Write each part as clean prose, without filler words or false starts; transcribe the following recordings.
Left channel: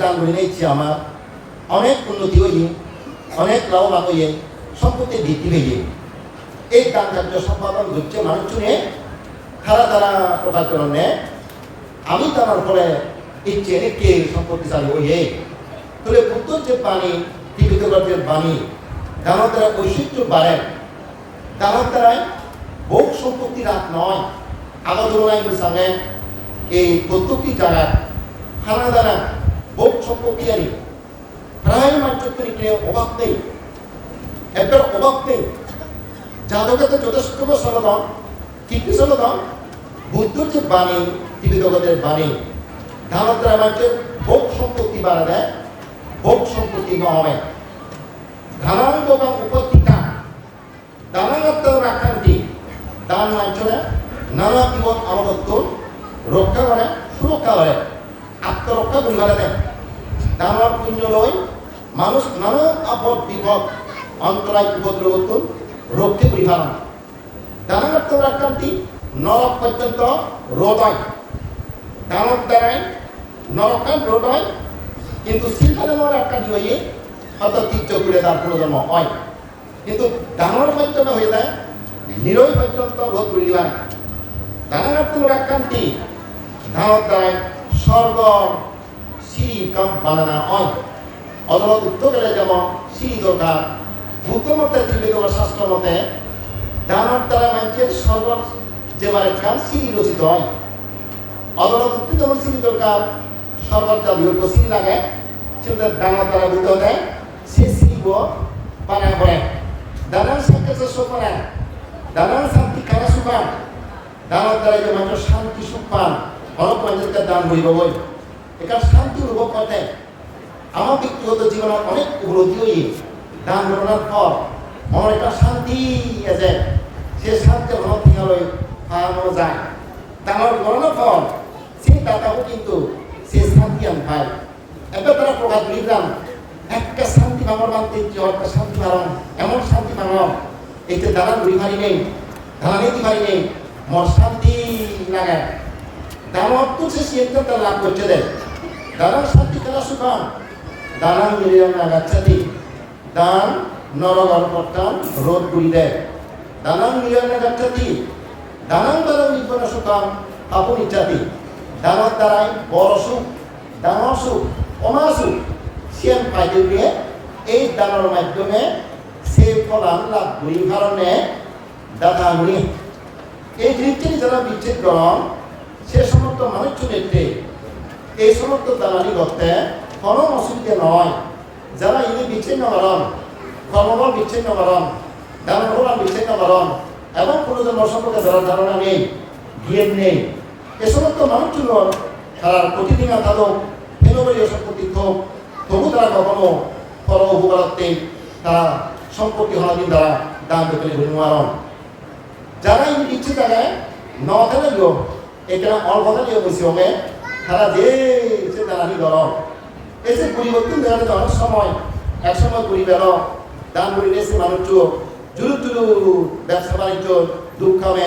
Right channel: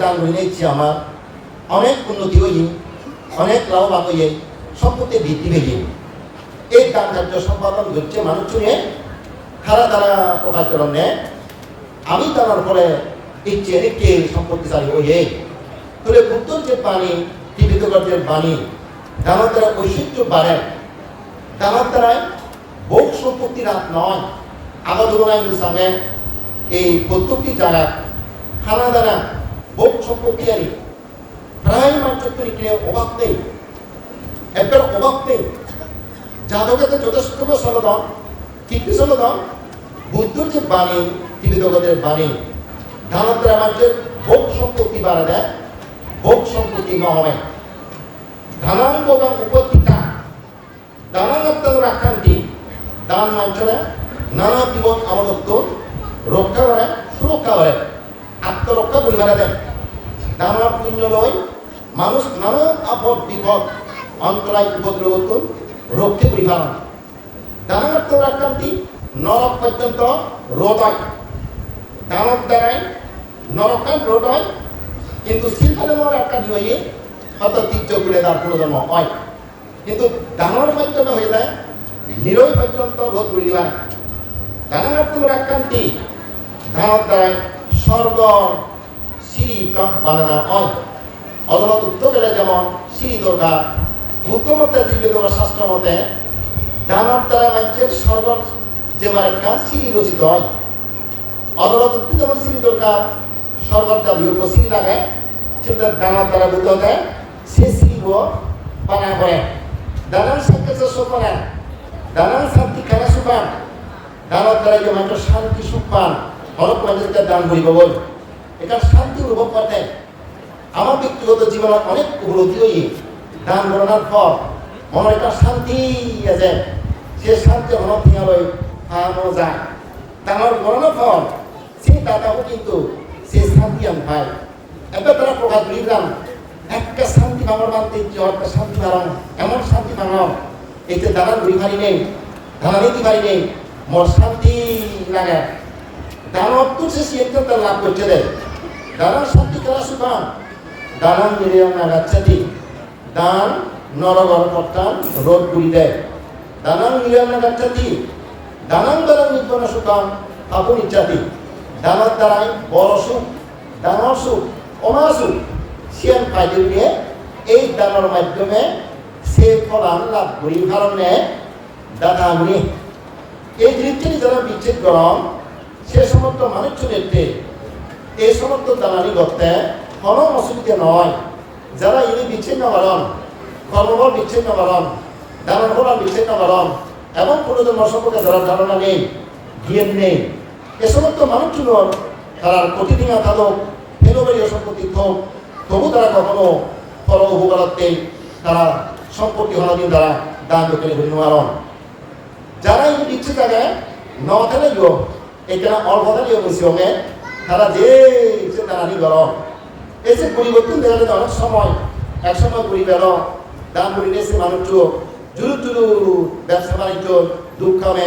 দান করে নিয়েছি আমার অনেক উন্নতি হয়ে অনেক লাভবান হয়ে সম্পত্তি বৃদ্ধি পেয়ে এই দান কার্য সম্পাদন করছে মানুষজনে তারা প্রকাশ করেন আমি তার ফলে ইচ্ছে কে সম্পত্তিশালী হয়ে তাহলে বুদ্ধর যে বাণী ত্রিবিধগর্জের বাণী দানার দ্বারা ঐশ্বর্য বাড়ে দানার দ্বারায় ভোগ সম্পত্তি রাত নয় আগত নাই সঙ্গে এই প্রত্যেকটি জায়গায় খানা দানা ভোগ সম্পত্তি আনি প্রায় মাত্রত্বনি কিনে অভাব নেই একবার অভাব নেই যাদবকে তো যথেষ্ট সমাধান কীর্তি সমাধান বুদ্ধর যে বাণী ত্রিবিধগর্জের বাণী দানার দ্বারা মানুষের ভোগ সম্পত্তি বাড়া দেয় ভোগ সম্পত্তি নয় ধানান বোগান উপত্যকা দানানাত্তার রাখান্তি দান মাঞ্চনে নানা জীবন আমদত্ব রক্ষা করে সুরক্ষা করে আত্মরক্ষা করিবার দেয় দানার পুণ্য নয় মানুষ নানা আপদ বিপদ অন্তরায় উপদ্রব রক্ষে পরিবার দানানাত্তার রাখান্তি নরক পর্যন্ত রোধ হয় দানব দ্বারায় নরকান রোধ হয় কিন্তু শিল্পানের আটকানি হয়ে হয়তো তীর্য করে তার প্রয়োজন হয় কিন্তু দানের মাধ্যমে হয়ে যায় নিরয় পর্যন্ত রোধ করে দিবা না দানানাত্মক আকান্তি দানের দ্বারায় স্বর্গ সিঁড়ি কাম বানানো হয় অদলত উত্তর গেলে যেমন সিঁড়ি দরকার বুদ্ধমতে ত্রিবেদগর শাস্ত্র মতে দানের দ্বারা মানুষের স্বর্গ যে মানে কাম সিঁড়ি রচিত হয় অদলত উত্তর যেমন সিঁড়ি দরকার স্বর্গটা বিয়োগ সিঁড়ি লাগায় সেটা দানার দ্বারা বুদ্ধ দেয় সে সিঁড়িব বানা করে দানান সংকেত সুপান দানান শান্তি খানা সুপান দানার দ্বারা যে মানুষের শান্তি সুখ পান অনেক মানুষকে দান হইব বই এখানে শান্তি অনুভব করতে আমার ব্যক্তিগত জীবনে অনেক উপলব্ধি হই দান গণনার ফল মনের একটা শান্তি আছে সে শান্তি মনে থেকে লই পাওয়া যায় দানার গণনার ফল সেই দাতাও কিন্তু সে শান্তি আন পায় একবার তারা প্রকাশ করিলাম একটা শান্তি পাবার মানতে একটা শান্তি পালাম এমন শান্তি পালাম এই যে দানা ঘুরি ভারি নেই ধানা নিতে পারি নেই মোর শান্তি লাগে দানব তো সে সিদ্ধান্ত লাভ করছে দেয় দানার শান্তি খেলা সুখা দানান মিলিয়াম নাগাচ্ছাতি দান নরগণ কর্তান রোধ করি দেয় দানান মিলিয়াম নাগাচ্ছাতি দানান বেলা নির্বণ সুখাম আপন ইচ্ছাতি দানার দ্বারাই বড় সুখ ডাঙর সুখ অমা সুখ সিয়ান ফাইদে নিয়ে এই দানার মাধ্যমে সে ফলান লাভ করি কারণে দাদা আমি এই জিনিসটি যারা বিচ্ছেদ করেন সে সমস্ত মানুষজনেরতে এই সমস্ত দালালি করতে কোনো অসুবিধে নয় যারা ইনি বিচ্ছিন্ন করেন কর্মবল বিচ্ছিন্ন করেন দানার ফলান বিচ্ছিন্ন করেন এবং কোনো ধর্ম সম্পর্কে যারা ধারণা নেই জ্ঞান নেই এ সমস্ত মানুষজন তারা প্রতিদিন তাদের ফেলবরীয় সম্পত্তি হোক তবু তারা কখনো পরমভূগরাত্মে তারা সম্পত্তি হনাদিন তারা দান করতে বিনিময় যারা এই ইচ্ছে থাকে নথানে গিয়ে এখানে অল্পতা নিয়ে বসে হবে তারা যে চিন্তানি গেল এসে পরিবর্তন দেখা যায় অনেক সময় এক সময় করি গেল দান করি এসে মানুষ জুরু ব্যবসা বাণিজ্য দুঃখামে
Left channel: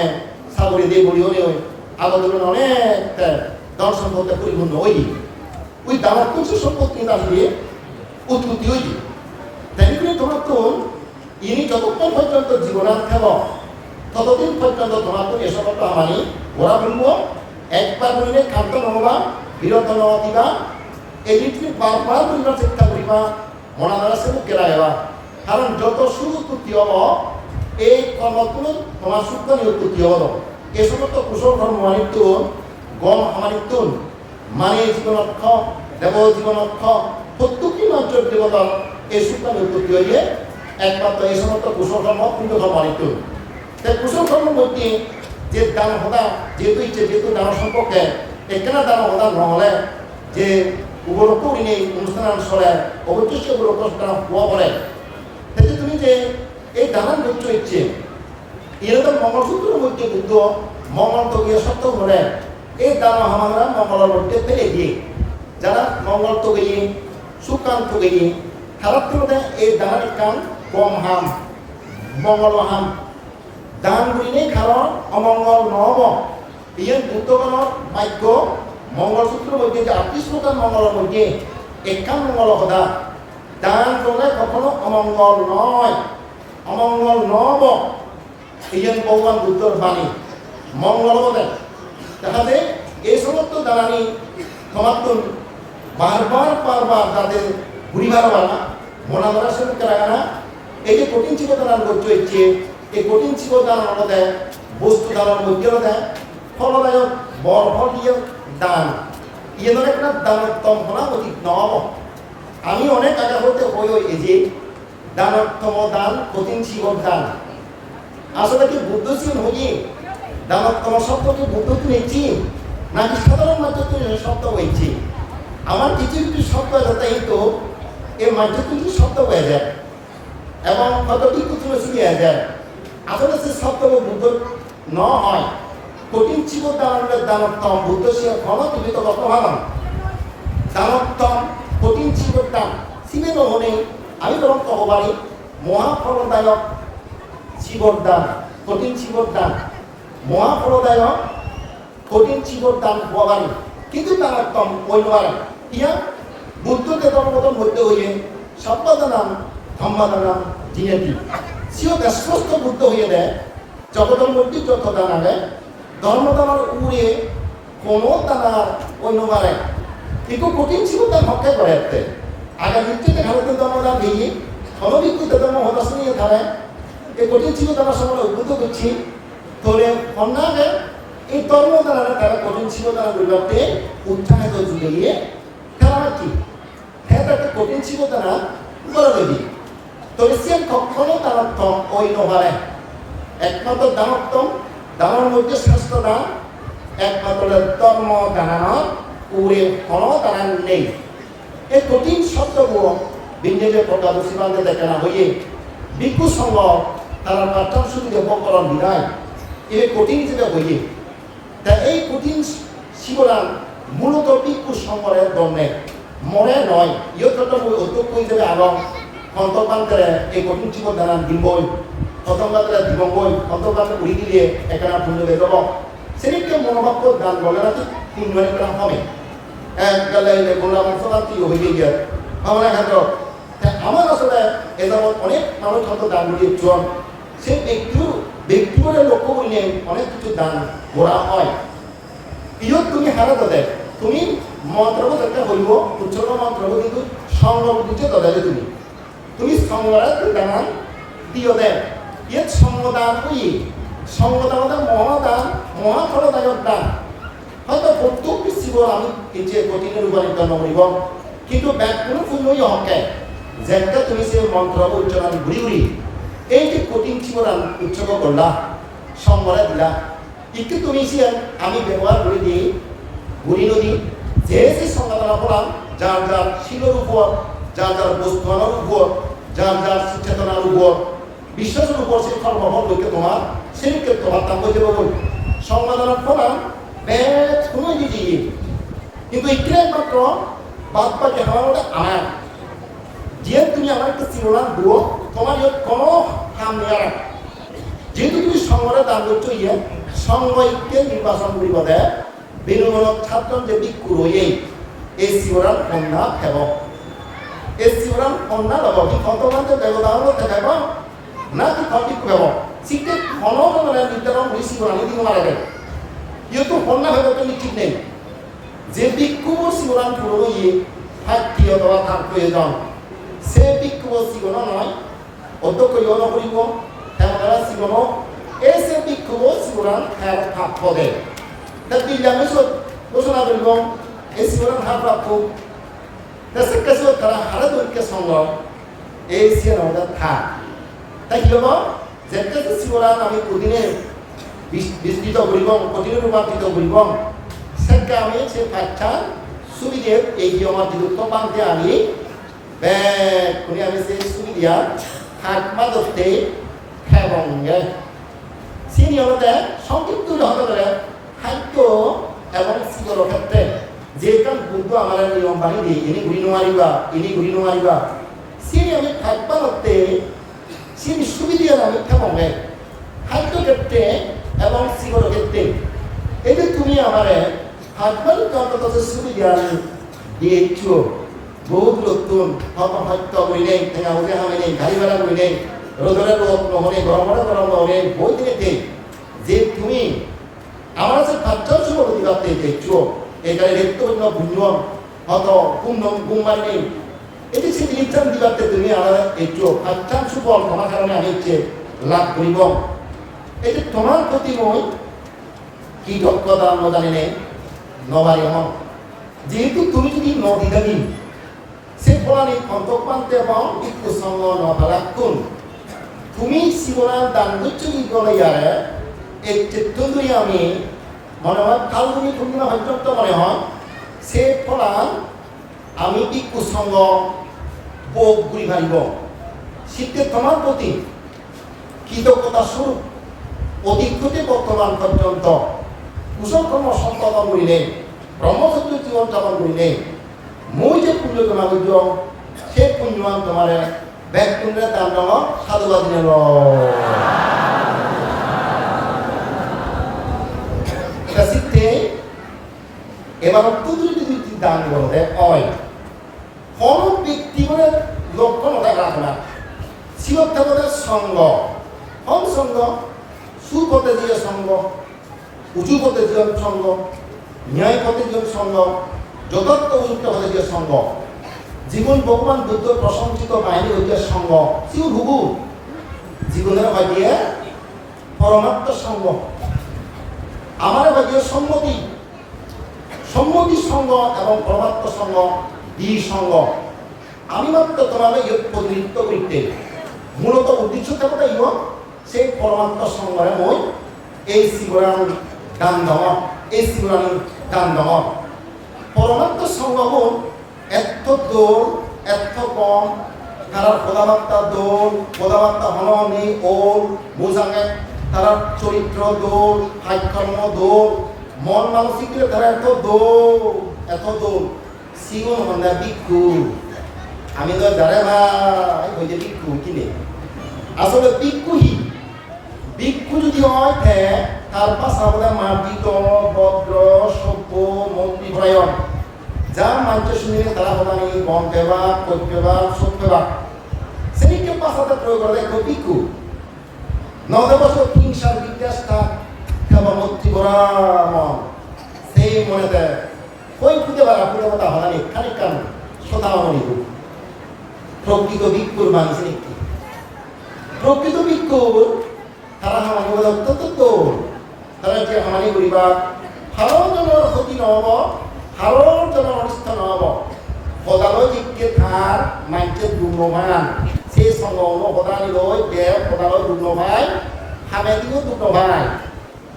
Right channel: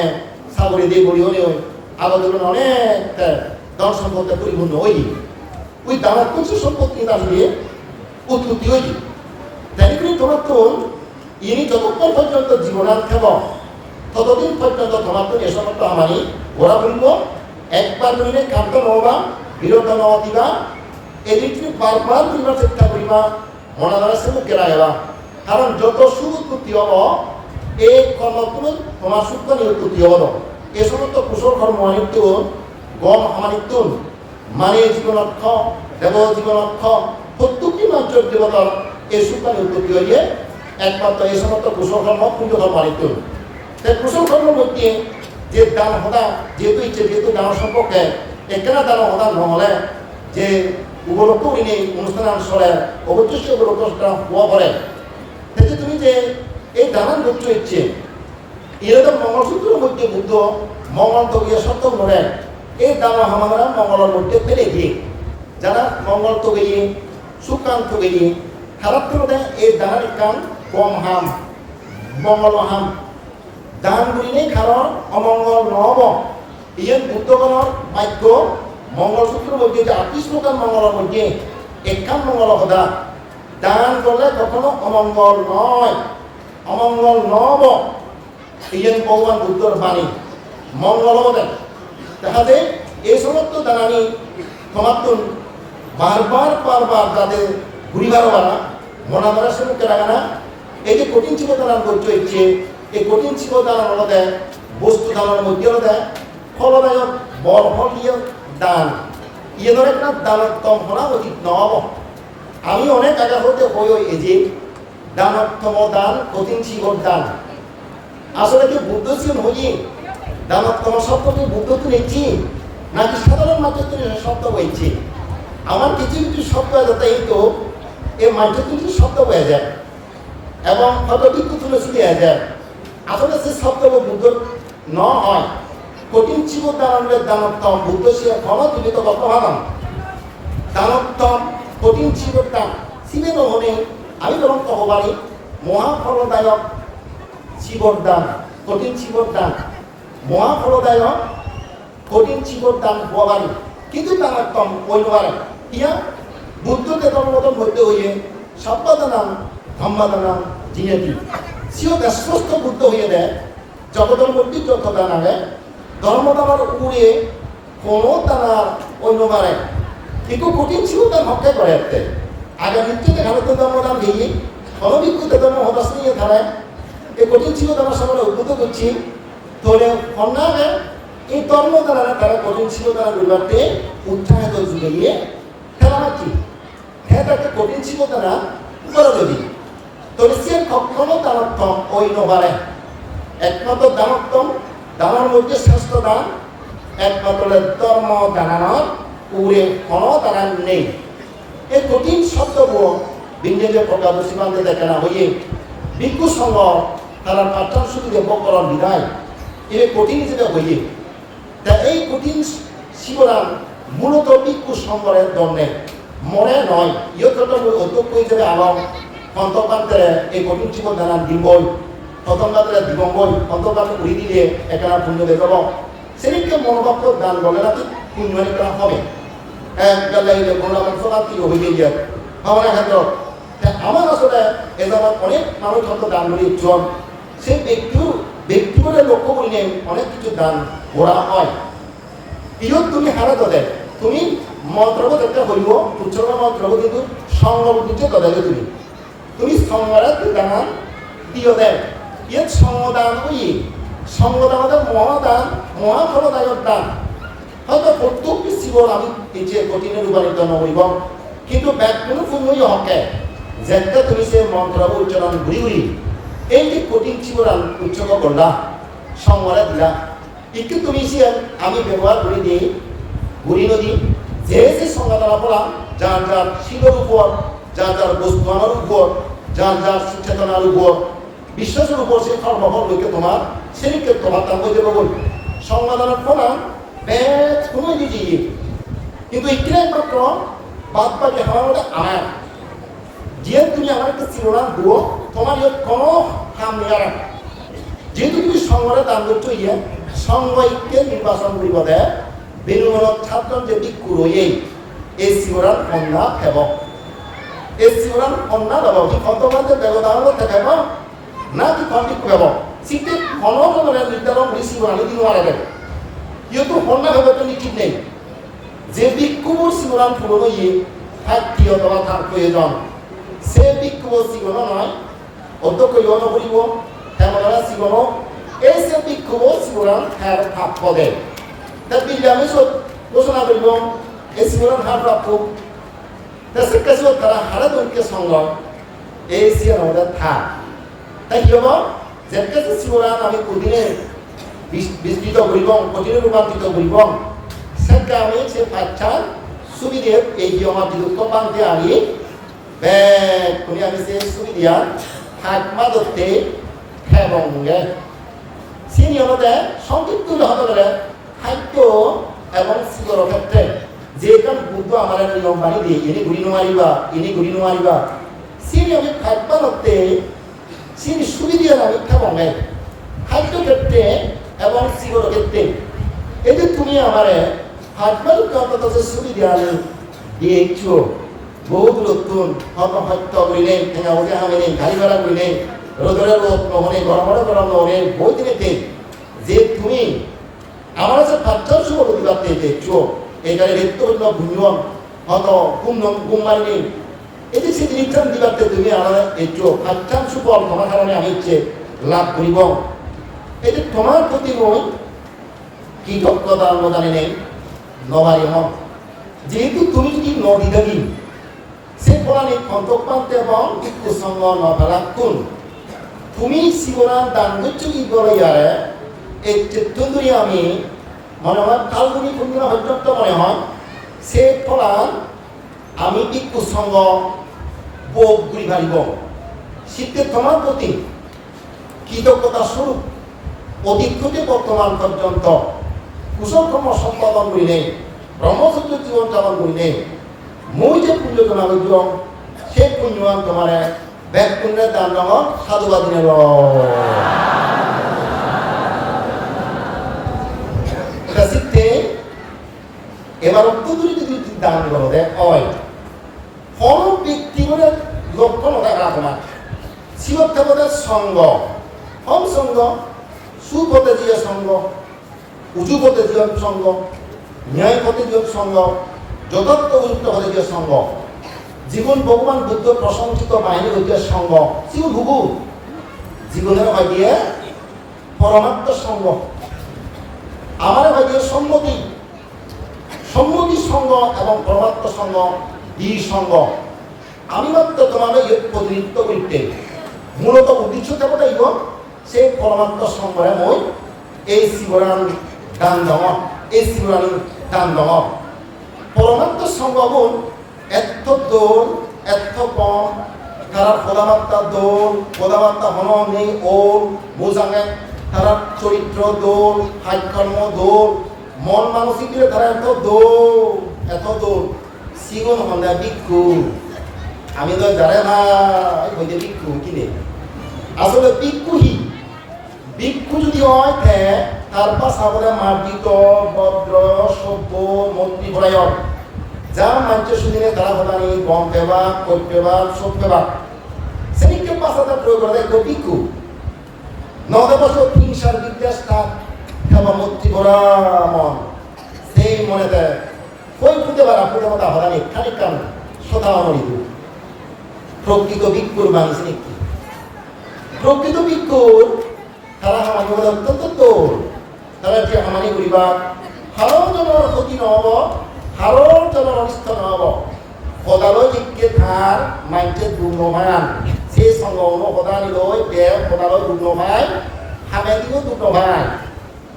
সাগরে দিয়ে বলিও নেই আগত অনেক ধন সম্পত্তি পরিপূর্ণ ওই দামের কিছু সম্পত্তি দাঁড়িয়ে উৎপত্তি হই তাই করে তোমার তো ইনি যতক্ষণ পর্যন্ত জীবনাথ থাকব ততদিন পর্যন্ত তোমার তো এসব আমানি ওরা বলবো একবার বলিলে কান্ত নহবা বিরত নহতিবা এই জিনিসটি বারবার করিবার চেষ্টা করিবা মনা দ্বারা সে মুখে রাখবা কারণ যত সুখ উৎপত্তি হব এই কর্মগুলো তোমার সুখ উৎপত্তি হব এই সমস্ত কুশল কর্ম মানিত্য গম আমানিত্য মানে জীবনক্ষ দেব জীবনক্ষ প্রত্যেকটি মানুষের দেবতার এই সুখানি উৎপত্তি হয়ে একমাত্র এই সমস্ত কুশল কর্ম পুণ্য কর্ম অনিত্য তাই কুশল কর্মের মধ্যে যে দান হতা যেহেতু ইচ্ছে যেহেতু দান সম্পর্কে এখানে দান হতা নহলে যে উপলক্ষ নেই অনুষ্ঠান চলে অবশ্যই উপলক্ষ হওয়া পড়ে তাতে তুমি যে এই দানান বুঝছো ইচ্ছে এরকম মঙ্গলসূত্রের মধ্যে বুদ্ধ মঙ্গল তো গিয়ে সত্য ধরে এই দানা হামারা মঙ্গলের মধ্যে ফেলে দিয়ে যারা মঙ্গল তো গিয়ে সুকান তো গিয়ে খারাপ করে এই দানার কান কম হাম মঙ্গল হাম দান করিলে কারণ অমঙ্গল নহব ইয়ে বুদ্ধগণের বাক্য মঙ্গলসূত্রের মধ্যে যে 38 প্রকার মঙ্গলের মধ্যে একাম মঙ্গল কথা দান করলে কখনো অমঙ্গল নয়, অমঙ্গল নব ইয়েন ভগবান বুদ্ধর বাণী মঙ্গল দেয়। তাহাতে এই সমস্ত দানানি সমাত্তন বারবার তাদের ঘুরিবারওয়ালা মনা ধরা সেমুখে লাগে না। এই যে কঠিন জীব দানার বৈজ্য ইচ্ছে, এই কঠিন জীব দানার হলো দেয় বস্তু দানার মধ্যে হলো দেয় ফলদায়ক বল ফল দিয়ে দান ইয়ে ধরে একটা দানোত্তম হলা অতীত নব। আমি অনেক আগে হতে হই এই যে দানোত্তম দান কঠিন জীবর দান আসলে কি বুদ্ধ ছিলেন হইয়ে দানোত্তম শব্দ কি বুদ্ধ তুলেছি নাকি সাধারণ মাধ্যমে শব্দ বইছে? আমার কিছু কিছু শব্দ আছে তো এই মাধ্যমে কিছু শব্দ বয়ে যায় এবং হয়তো কিন্তু তুলসী দেওয়া যায়। আসলে সে শব্দ বুদ্ধ ন হয় কঠিন জীব দানের দানোত্তম বুদ্ধ সে ফল জীবিত কত ভালো দানোত্তম কঠিন জীবর দান শিবে নহনে আমি বরং কব পারি মহাফলদায়ক জীবর দান কঠিন জীবর দান মহাফলদায়ক কঠিন জীবর দান হওয়া পারি কিন্তু দানোত্তম ওই নমারে ইয়া বুদ্ধকে ধর্মতম মধ্যে হইয়ে সম্পাদনাম ধম্মাদানাম জিনেতি সিও স্পষ্ট বুদ্ধ হয়ে দেয় জগতের মধ্যে যত দান আগে ধর্মদানার উড়ে কোনো দানা অন্য মারে কিন্তু কঠিন ছিল তার হত্যা করে আসতে আগে নিচ্ছে ভারত ধর্মদান দিয়ে হলবিকুতে ধর্ম হদাস নিয়ে থানায় এই কঠিন ছিল তারা সঙ্গে উদ্ভূত করছি তোরে অন্যায় এই ধর্মদানা তারা কঠিন ছিল তারা পরিবারতে উৎসাহিত জুড়ে গিয়ে খেলা মারছি হ্যাঁ তাকে কঠিন ছিল তারা করে দেবি তোরে সে কখনো দানোত্তম ওই নবারে একমাত্র দানোত্তম দানের মধ্যে শ্রেষ্ঠ দান একমাত্র ধর্ম দানানোর উড়ে কোনো দান নেই। এই কঠিন শব্দগুলো বিঞ্জে প্রকাশ সীমান্তে দেখে না হইয়ে ভিক্ষু সঙ্গ তারা পাঠ্যাংশ দিয়ে বকরণ বিদায় এটা কঠিন হিসেবে হইয়ে তা এই কঠিন শিবরান মূলত ভিক্ষু সঙ্গরের দণ্ডে মরে নয় ইয়তটা অধ্যক্ষ হিসেবে আলম কন্তপান্তরে এই কঠিন শিব দানান দিবই প্রথমবারে দিবঙ্গই অন্তর্বাদ উড়ি দিলে একখানা পুণ্য দেখব সেদিনকে মনোভাব দান বলে নাকি পুণ্য মানে কেন হবে গাল্লাইলে করোনা মাংসবান্তি হয়ে গিয়ে ভাবনা ক্ষেত্র আমার আসলে এ যাবৎ অনেক মানুষ হয়তো দান করিয়ে জন সেই ব্যক্তিগুলো লক্ষ্য করি নিয়ে অনেক কিছু দান করা হয় ইয়ত তুমি হারাতে দেয় তুমি মন্ত্রব একটা বলব উৎসর্গ মন্ত্রব কিন্তু সংগ্রহ দিচ্ছে তদাকে তুমি সংগ্রহ দানা দিও দেয় এর সঙ্গদান হইয়ে সঙ্গদান মহাদান মহাফলদায়ক দান হয়তো প্রত্যেকটি শিবর আমি যে কঠিনে রূপান্তরিত নকরিব কিন্তু ব্যাকুল পুণ্যই হকে যেটা তুমি সে মন্ত্র উচ্চারণ ঘুরি ঘুরি এই যে কঠিন শিবর উৎসর্গ করলা সংগরা দিলা একটু তুমি সে আমি ব্যবহার করে দিই ঘুরি নদী যে যে সংগদানা করলাম যার যার শিলের উপর যার যার বস্তুয়ানোর উপর যার যার চেতনার উপর বিশ্বাসের উপর সে সর্বভর বইকে তোমার সেদিকে তোমার দাম বই দেবো বই সংবাদনা ফোনাম ব্যাস সময় দিয়ে কিন্তু এখানে একমাত্র বাদ বাকি আমার মধ্যে আমার যে তুমি আমার একটা শিরোনাম দিও তোমার ইয়ে কোনো হাম নেই আর যেহেতু তুমি সংগরে দান করছো ইয়ে সংগকে নির্বাচন করিব দেয় বেনুমূলক ছাত্র যে ভিক্ষু রয়ে এই শিরোনাম কন্যা ফেব এই শিরোনাম কন্যা দেব কি কন্তমানদের ব্যবধান দেখাব না কি কন্টিক ভেব সিটে ঘনজনে নির্ধারণ করে শিবরানি দিন মারা যায় ইয়েতো কন্যা ভেব তো নিশ্চিত নেই যে ভিক্ষুর শিবরান পুরনো ইয়ে ফাইটি অথবা তার প্রয়োজন সে ভিক্ষুর শিবন নয় অধ্যক্ষ ইয় নকরিব হেমতরা শিবন এই সে ভিক্ষুর শিবরান হ্যাঁ প্রাপ্য দেয় তা দিল্লি আমি ঘোষণা করিব এই শিবরান হ্যাঁ প্রাপ্য দেশের কাছে তারা হারে দৈর্ঘ্য সংগ্রহ এই সিয়ান আমাদের থাক তাই কি হব যে কাছে শিবরান আমি কোদিনে বিস্তৃত করিব কঠিন রূপান্তরিত করিব সেটা আমি সে বাচ্চা সুবিধে এই আমার যুক্ত পান্তে আনি ব্যাগ আমি সে সুবিধা হাকমা ধরতে হ্যাঙ্গে সে নিয়মতে সংক্ষিপ্ত হতে পারে খাদ্য এবং শিবর ক্ষেত্রে যে কাম বুদ্ধ আমার নিয়ম মানি দিয়ে ইনি ঘুরি নুমারিবা সে আমি হাকমা ধরতে সে সুবিধা আমি ঠেঙ্গে খাদ্য ক্ষেত্রে এবং শিবর ক্ষেত্রে এই যে তুমি আমার হাকমার অন্তত সুবিধা দিয়েছ বহুত নতুন হত্য করি নেই ঠেঙা বুঝে হামে নেই গাড়ি ভাড়া করি নেই রোদরে রোদ নহনে গরমরে গরম নহনে বই দিনেতে যে তুমি আমার আছে পাঁচজন শুভ প্রতিবাদে যে চোখ এখানে রেক্তবন্য ভুঞ্জন হত গুম মারি নেই এই যে সেই জিনিসটা দিবাতে তুমি আমার এই চোখ পাঁচজন শুভ তোমার কারণে আমি হচ্ছে লাভ করিব এই যে তোমার প্রতি মই কি দক্ষতা জানি নেই নবারি মন যেহেতু তুমি যদি নদী দাবি সে ফলানি খন্তক পান্তে এবং একটু সঙ্গ নবালাক্ষণ তুমি শিবরান দান করছো কি বলে ইয়ারে এই চিত্তন্দুরি আমি মনে হয় কালগুনি পূর্ণিমা পর্যন্ত মনে হয় সে ফলান আমি একটু সঙ্গ বোধ ঘুরি ভারিব শীতে তোমার প্রতি কৃতজ্ঞতা স্বরূপ অধিক্ষতে বর্তমান পর্যন্ত কুশলকর্ম সম্পাদন করি নেই ব্রহ্মচর্য জীবন যাপন করি নেই মই যে পুণ্য জমা করছ সেই পুণ্যবান তোমার ব্যাকুণ্ডের দান নাম সাধুবাদ নেব শীতে এবার অত্যন্ত যদি দান করো হয় কোন ব্যক্তি করে লক্ষ্য নথাকা আপনার শিবত্যাগতের সঙ্গ হম সঙ্গ সুপথে যে সঙ্গ উঁচু পথে যে সঙ্গ ন্যায় পথে যে সঙ্গ যথার্থ উপযুক্ত পথে যে সঙ্গ জীবন ভগবান বুদ্ধ প্রশংসিত বাহিনী হইতে সঙ্গ জীবন হুবু জীবনের হয় দিয়ে পরমাত্ম সঙ্গ আমার হয় দিয়ে সম্মতি সম্মতি সঙ্গ এবং পরমাত্ম সঙ্গ দ্বি সঙ্গ আমি মাত্র তোমার প্রতিনিধিত্ব করিতে মূলত উদ্দেশ্য থাকতে ইব সেই পরমাত্ম সঙ্গরে মই এই শিবরান দান দেওয়া এই শিবরানী দান দেওয়া পরমাত্ম সঙ্গগুণ এত দৌড় এত কম তারা পদাবার্তা দৌড় পদাবার্তা হনম নেই ও বোঝাঙে তারা চরিত্র দৌড় হাইকর্ম দৌড় মন মানসিক দিলে তারা এত দৌড় শিগুন হন্দা ভিক্ষু আমি তো যারে ভাই হইতে ভিক্ষু কিনে আসলে ভিক্ষু যদি হয় তার পাশ আমাদের মার্জিত ভদ্র সভ্য মন্ত্রী ভরায়ন যা মাঞ্চ শুনিলে তারা হতানি গম পেবা কই পেবা সব পেবা সেদিকে পাশাটা প্রয়োগ করে দেখো ভিক্ষু নদে বছর হিংসার বিদ্বেষ তার খেবা মন্ত্রী ভরা মন সেই মনেতে কই ফুটে পারা ফুটে কথা হতানি খানিক কান শতানি প্রকৃত ভিক্ষুর বাণী নাকি প্রকৃত ভিক্ষুর তারা হামানি বলে অত্যন্ত তারা যে হামানি করিবা হারর জনের ক্ষতি নহব হারর জনের অনিষ্ট নহব সদালৈ জিজ্ঞে থার মাইন্সে দুর্নমান সেই সঙ্গ সদানি লৈ দেব সদালৈ দুর্নমাই হামে দিও দুর্নমাই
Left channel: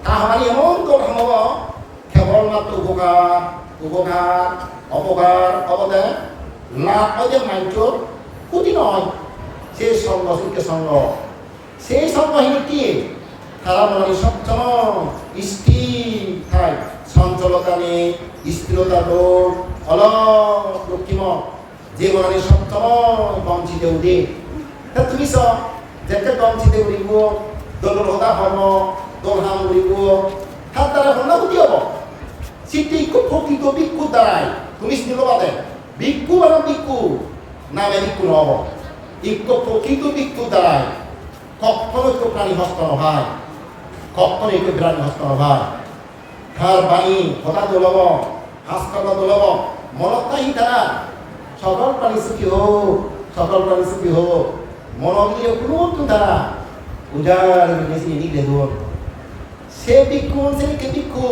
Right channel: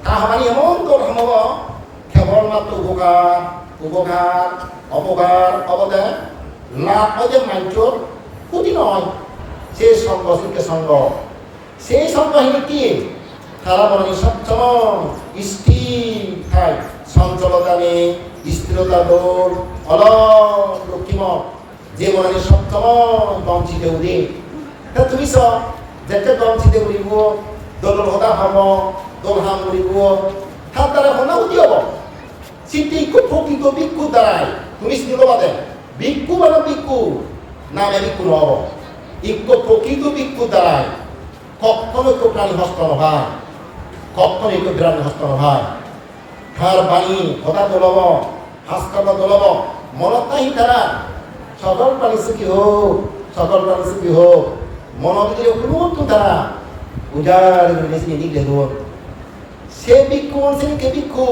তা হামানি এমন তোর হামব কেবল মাত্র উপকার অপকার অবদে লাভ হয় যে মাইন্সর ক্ষতি নয় সেই সঙ্গ সঙ্গ সেই সঙ্গহীন কি তারা মনে সবসময় স্থির থাই চঞ্চলতা নেই স্থিরতা দৌড় অলক্ষিম যে মনে সবসময় বঞ্চিতে উদে তুমি সব যেতে বঞ্চিতে করিব দোল হতা হব দোল হাম করিব তার দ্বারা সন্ধাপতি হব সেটি প্রকৃত ভিক্ষুর দ্বারাই তুমি স্নেহবাদে ভিক্ষু মানে ভিক্ষু নামে ভিক্ষু নহব প্রকৃত ভিক্ষুর দ্বারাই কখনো কেউ প্রাণী হস্ত নয় কখনো কেউ প্রাণী হস্ত নয় তার বাণী কথা দোলব হাসকাবা দোলব মনত নাহি তারা সকল প্রাণী সুখী হোক সকল প্রাণী সুখী হোক মনত দিয়ে কোনো তারা উজাড় বেশি নিলে হোক সে ভিক্ষু শ্রেণীকে ভিক্ষু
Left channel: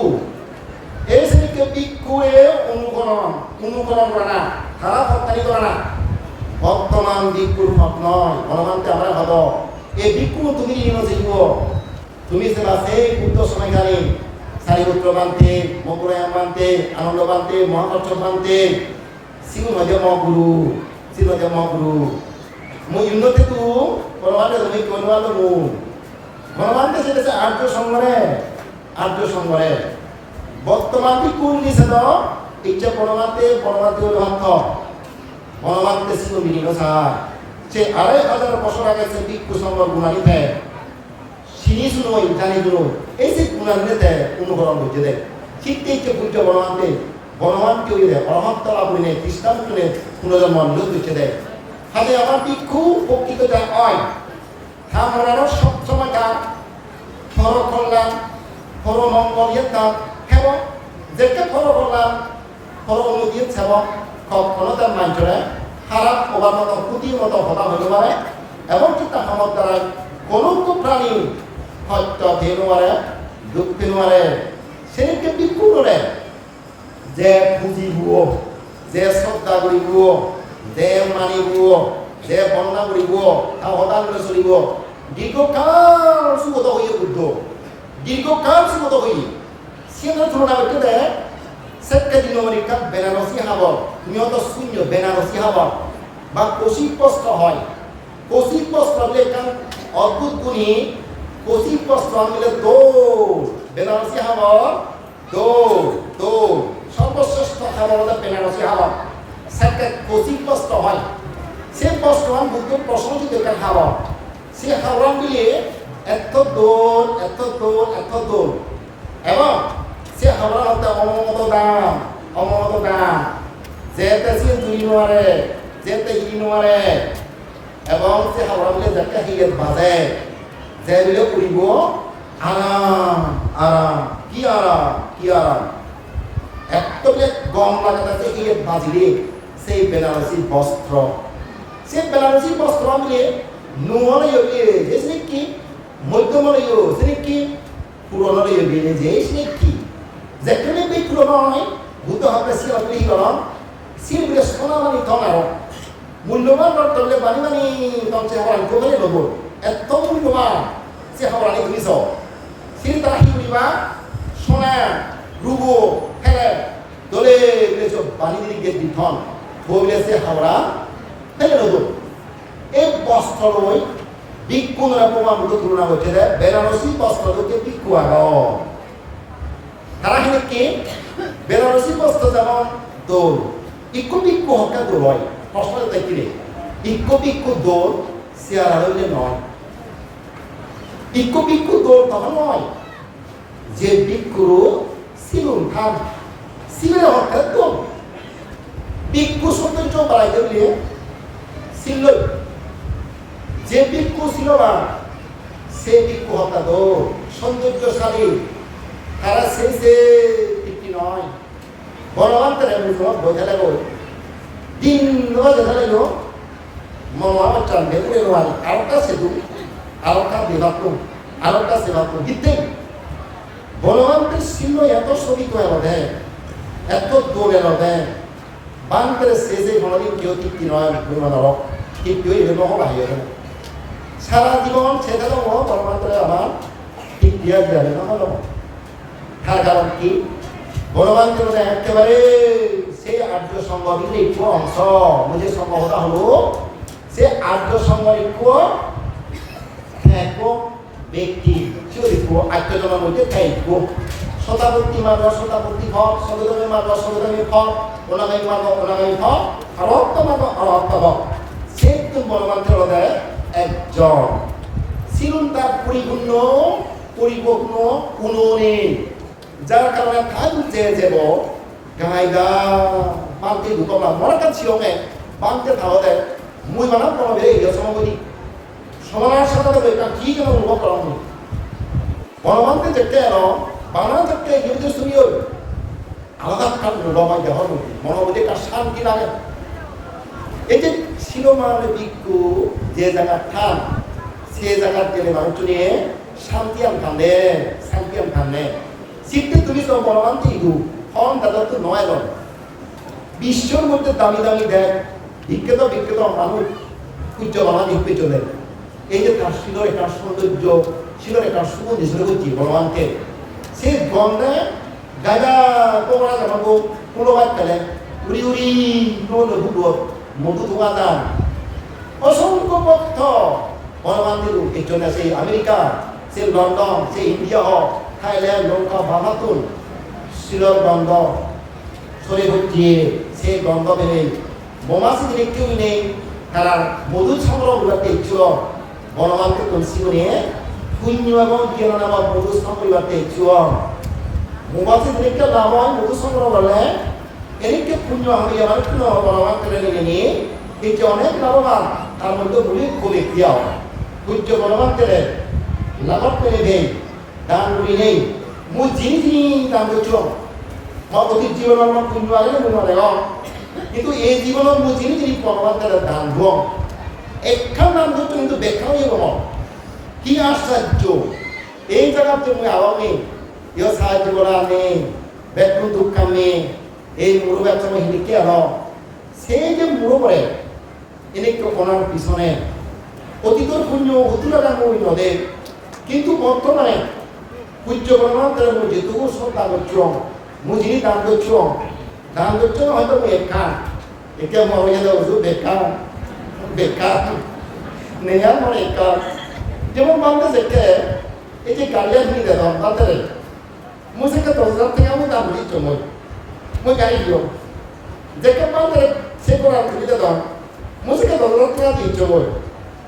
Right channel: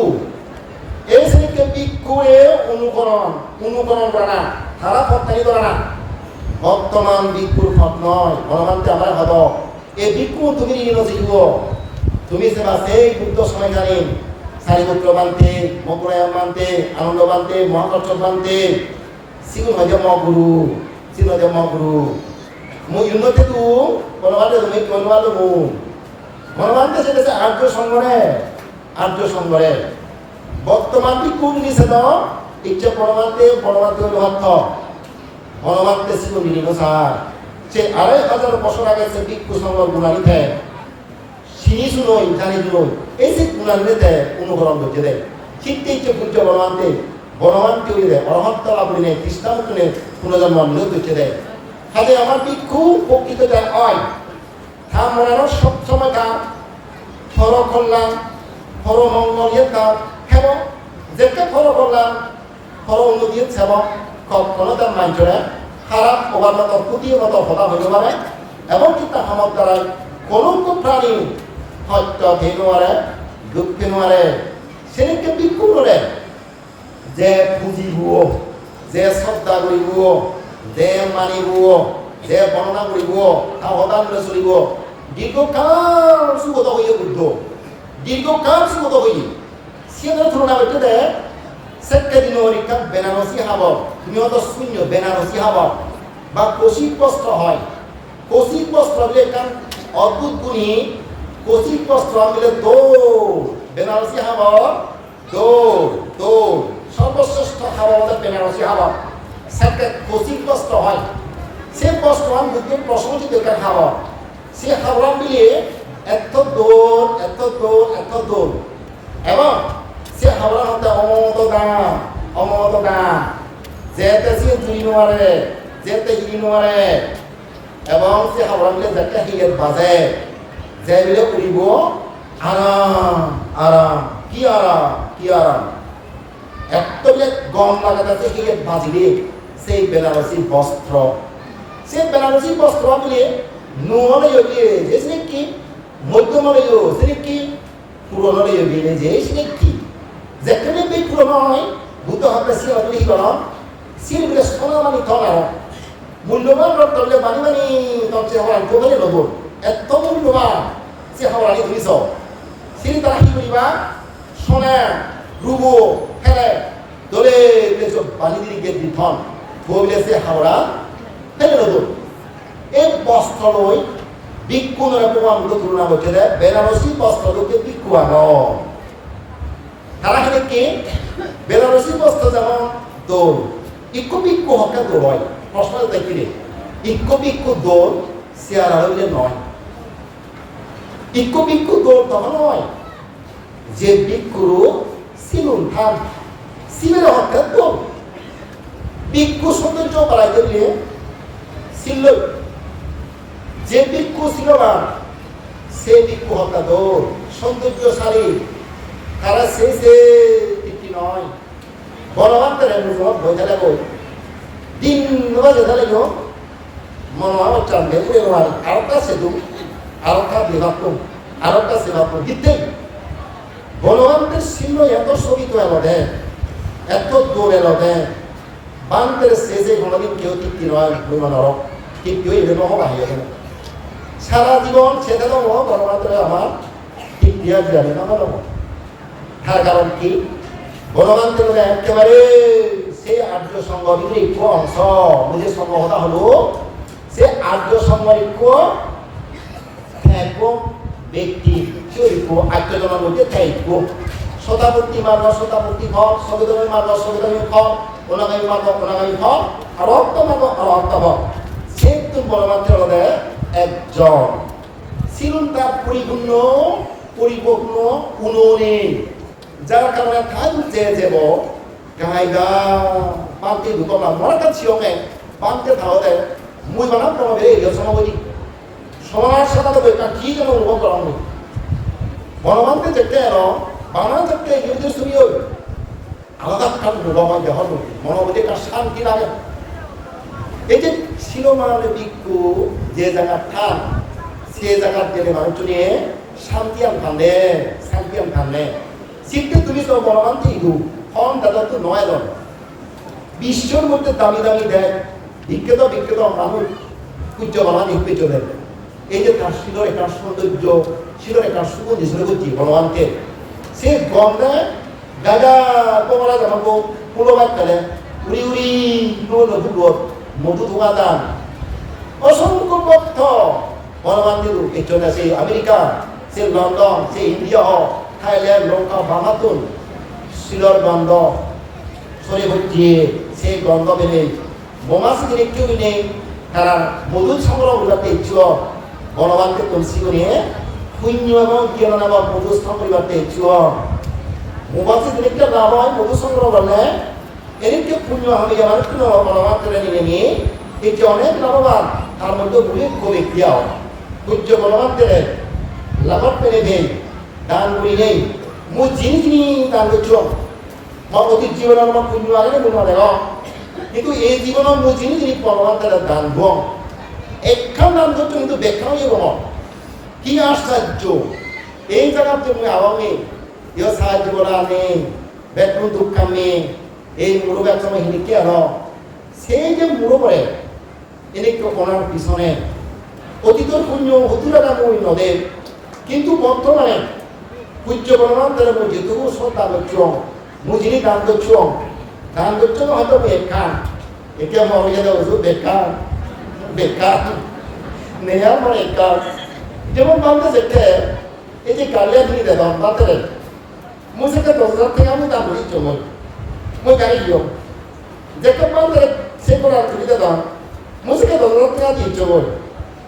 এই শ্রেণীকে ভিক্ষু এর অনুকরণ করা না তারা প্রত্যানিত না বর্তমান ভিক্ষুর হক নয় অনুমানতে আমরা ভাব এই ভিক্ষু তুমি ঋণ জীব তুমি সেবা সেই বুদ্ধ সময়কালীন সারিপুত্র বানতে মকরায়াম বানতে আনন্দ বানতে মহাকর্ষ বানতে সিগুন হয় যে মগুরু সিগুন হয় যে মগুরু মই ইউনতে তু কোনোবাতে তুমি কোনোবাতে মু কোনোবাতে সেটা আর্য সঙ্গরে বর্তমান ভিক্ষু নিছে তো ইচ্ছে পরমাতে হলো ভাত বনমাত্রে সিগুন ঋণ সাহায্য সে ২৫০০ বছর আগে সে ভিক্ষু সংঘর গুণানিতে চিনি শুনোই জানি শুনোই এই যে গুণানিতে অনুকরণ করছে দেয় শীতে ইচ্ছে পুঞ্জ বনমান্তে বনমান কেউরে অরহত্ত লাভ করি নেই খ্রিস্টান পুনর্জন্ম নিয়োগ করছে দেয় হাতে আমার ভিক্ষু প্রকৃত যায় হয় তা মনানোর সবসময় তা হর কল্যাণ হর মঙ্গল ইয়ে তা হেব যেকে ফলো করলাম হর উন্নতি সেব কখনো তার মাঞ্চরে খারাপ হবার মতো ক্ষতির মতো হলা হইতে পারে এমনকি তাহার দ্বারাই কোনো প্রাণী হত্য ধেনুয়ারে দুঃখ নোয়ারে সেনেকে বিক্ষু নরে যে পুঁজি বুয়ো যে শ্রদ্ধা করি বুয়ো যে মানি বুয়ো যে বর্ণনা করি বুয়ো তা হতান চলিব দীর্ঘকাল সুগত হইয়ে বুদ্ধ দীর্ঘকাল সুগত হইয়ে সিয়ের তুলনা করতে দেয় সেক্কে দিন পরীক্ষা বেনারসি হাবর তুমি হয়তো শূন্য বেনারসি হাবর বা কৌশিক বস্ত্র হয় কৌশিক বস্ত্র মিলে কান অদ্ভুত গুণী কৌশিক বস্ত্র মিলে বেনারসি হাবর সর্বশ্রেষ্ঠ হাবর আমাদের বেনারসি হাবর সেক্কে কৌশিক বস্ত্র হয় সে বস্ত্রান বুদ্ধের প্রশংসিত কার হাবর সে হাবরান মিলিয়ে এত দৌড় এবং সে হাবরান হতে অমত দাম যেতে সে জুড়ি নোয়ারে যেতে হিরি নোয়ারে এবং সে হাবরান মিলে যাকে হিয়ে বাজে যে মিলে উড়িব আরাম কি এত মিলে গম লাগাতে হিয়ে বাজিলে সেই বেনারসি বস্ত্র মিলিয়ে নুমলয় দিয়ে যে কি মধ্যমলয় সে কি পুরনলয় দিয়ে যে কি যেখানে বই পুরনো নয় বুদ্ধ ভাবলে সিল বলে কি বলো সিল বলে সোনা মানি তোমার মূল্যবান রক্ত বলে বানি তখন সে হবার আনতে বলে নেব এত মূল্যবান সে হবার আনি তুমি সব সিল তারা কি করিবা সোনা রুবো ফেলে দলে বানি দিদি গেট দিঠন বলে সে হাওড়া ফেলে নেব এই বস্ত্র লই ভিক্ষুরা প্রমাণ তুলনা করছে বেনারসি বস্ত্র লোকে ভিক্ষু আগ তারা হেনে কে বেনারসি বস্ত্র যেমন দৌড় ইকো ভিক্ষু হকা দৌড় হয় প্রশ্ন তাই কিরে ইকো ভিক্ষু দৌড় চেয়ার আড়লে নয় ইকো ভিক্ষু দৌড় তখন নয় যে ভিক্ষুরও সিলুন থাম সিমের হকা দৌড় ভিক্ষু সৌন্দর্য বাড়াইতে বলে ছিল যে ভিক্ষু ছিল বা সে ভিক্ষু হত্যা দৌড় সৌন্দর্যশালী তারা সেই যে তৃপ্তি নয় বনবান্তের তোমার বইতে লাগো দিন যেতে লাগলো মনে হয় চান ভেতরে নোয়ার আরেকটা সেতু আরেকটা দেবাত্ম আরেকটা সেবাত্ম ইত্যাদি বনবান্তের শিল্য এত শোভিত এলো দেয় এত দৌড় এলো দেয় বান্তের শেষে কোনোদিন কেউ তৃপ্তি নয় বিমানর তৃপ্তি হয়ে নহবা হয়ে গেছে সারা জীবন সেটা তো বনবান্তরে আমার তৃপ্তি আর যাবে না তার কারণ কি বনবান্তর একেবারে সেই আর্য সংগঠনের একটু অংশ বুঝে সম্ভবতা হলো সে আর্য সংগঠিত ব্যক্তি আত্মজনের মধ্যে থাকব শতাবর্তী মার্গ শতাবর্তী ফল সবেদমী মার্গ সবেদমী ফল অনাগামী মার্গ অনাগামী ফল আর অর্থ মার্গ আর অর্থ ফল সে বনবান্তর দেয় একজন ছিলুন তার পরিপূর্ণ উননে যার কারণে থাক যে যাব গাইগা বানতে ঢুকলাম মনে কাজ সিয়ঙে বানতে থাকো দেয় মুই বানাম কোনো বেড়ে গিয়ে সমাবধি সমানার সাথে বইটা কি যেন অনুভব করা হয়নি বনবান্তে যেতে এলো বাংলা থেকে হিন্দু ছবি ওই আলাদা কাল অনুভব হয় দেখার মনোবোধে কার শান্তি লাগে এই যে ছিল মানে ভিক্ষু যে জায়গার থান সে জায়গার গেলে মানুষ নিয়ে শান্তি আন ফান্দে সিটতে তুমি সব বনবান্তি ইদু হন দাদা তো নয় জন বিশ্বর মধ্যে দামি দেয় বিখ্যাত মানুষ পূজ্য বাবা দেখবে চলে এই যে তার শিলর একটা সৌন্দর্য শিলর একটা সুগন্ধি ছিল বুঝছি বলবানকে সে গন্ধে গায়গা কমরা জানাবো পুলোবাদ ফেলে উড়ি নুবুত মধু দোকানদার অসংখ্য পথ বলবান দিল এর জন্য সেই আমেরিকা সে লন্ডন সে ইন্ডিয়া হোক থাইল্যান্ড লঙ্কা বামাতুন শিলর গন্ধ সরে হচ্ছে সে গন্ধ পেলে বোমাসি দিনে কেউ নেই তারা মধু সংগ্রহ করতে ইচ্ছুক বনবান্তে তুলসী নিয়ে পুণ্য এবং জ্ঞান নামক মধু সংগ্রহ করতে ইচ্ছুক মোবাসি দিনে লাভ হয় মধু সংগ্রহ করলে এদিকে পুণ্য হবে আমার কোনো পরমাত্ম নিয়ে এই যে অনেক লাভবান তার মধ্যে বলি খুবই ক্রিয়া পূজ্য পরমাত্মের লাগত পেরে দেই দান করি নেই মু যিনি দান করছ অতীত জীবনের মন পুণ্য আগে মনে কিন্তু এই জীবনের মু যিনি পরমাত্মের দান ভুয়ং একখান দান করছো কিন্তু ব্যাখ্যা নিয়ে বল কি আশ্চর্য এই জায়গাতে মই আগামী ইয়ে সাহায্য করার নেই ব্যাকুল দুঃখান নেই এই মুরু ব্যবসা হিনিকে আলো সেই যে মুরু পড়ে এনেকে ওনার পিছনে অতীতর পুণ্য হতুরাটা মই নদে কিন্তু বর্তমানে পূজ্য পরমাত্মার মই যেটুকু শ্রদ্ধা করছো মই যিনি দান করছো হয়তো বেকার একে মনে যেতে বলছো বেকার নেয়ার মনে একার যেমন বান্ধে যেকে এই যে গাড়িয়া কিনে দেন বান্ধে মই সেকে 10,000 টাকা মই দান করি চমই মই গাড়ি দিও যেকে বান্ধে সে করার সুবিধা দাম মই সেকে 10,000 টাকা দিয়ে চমই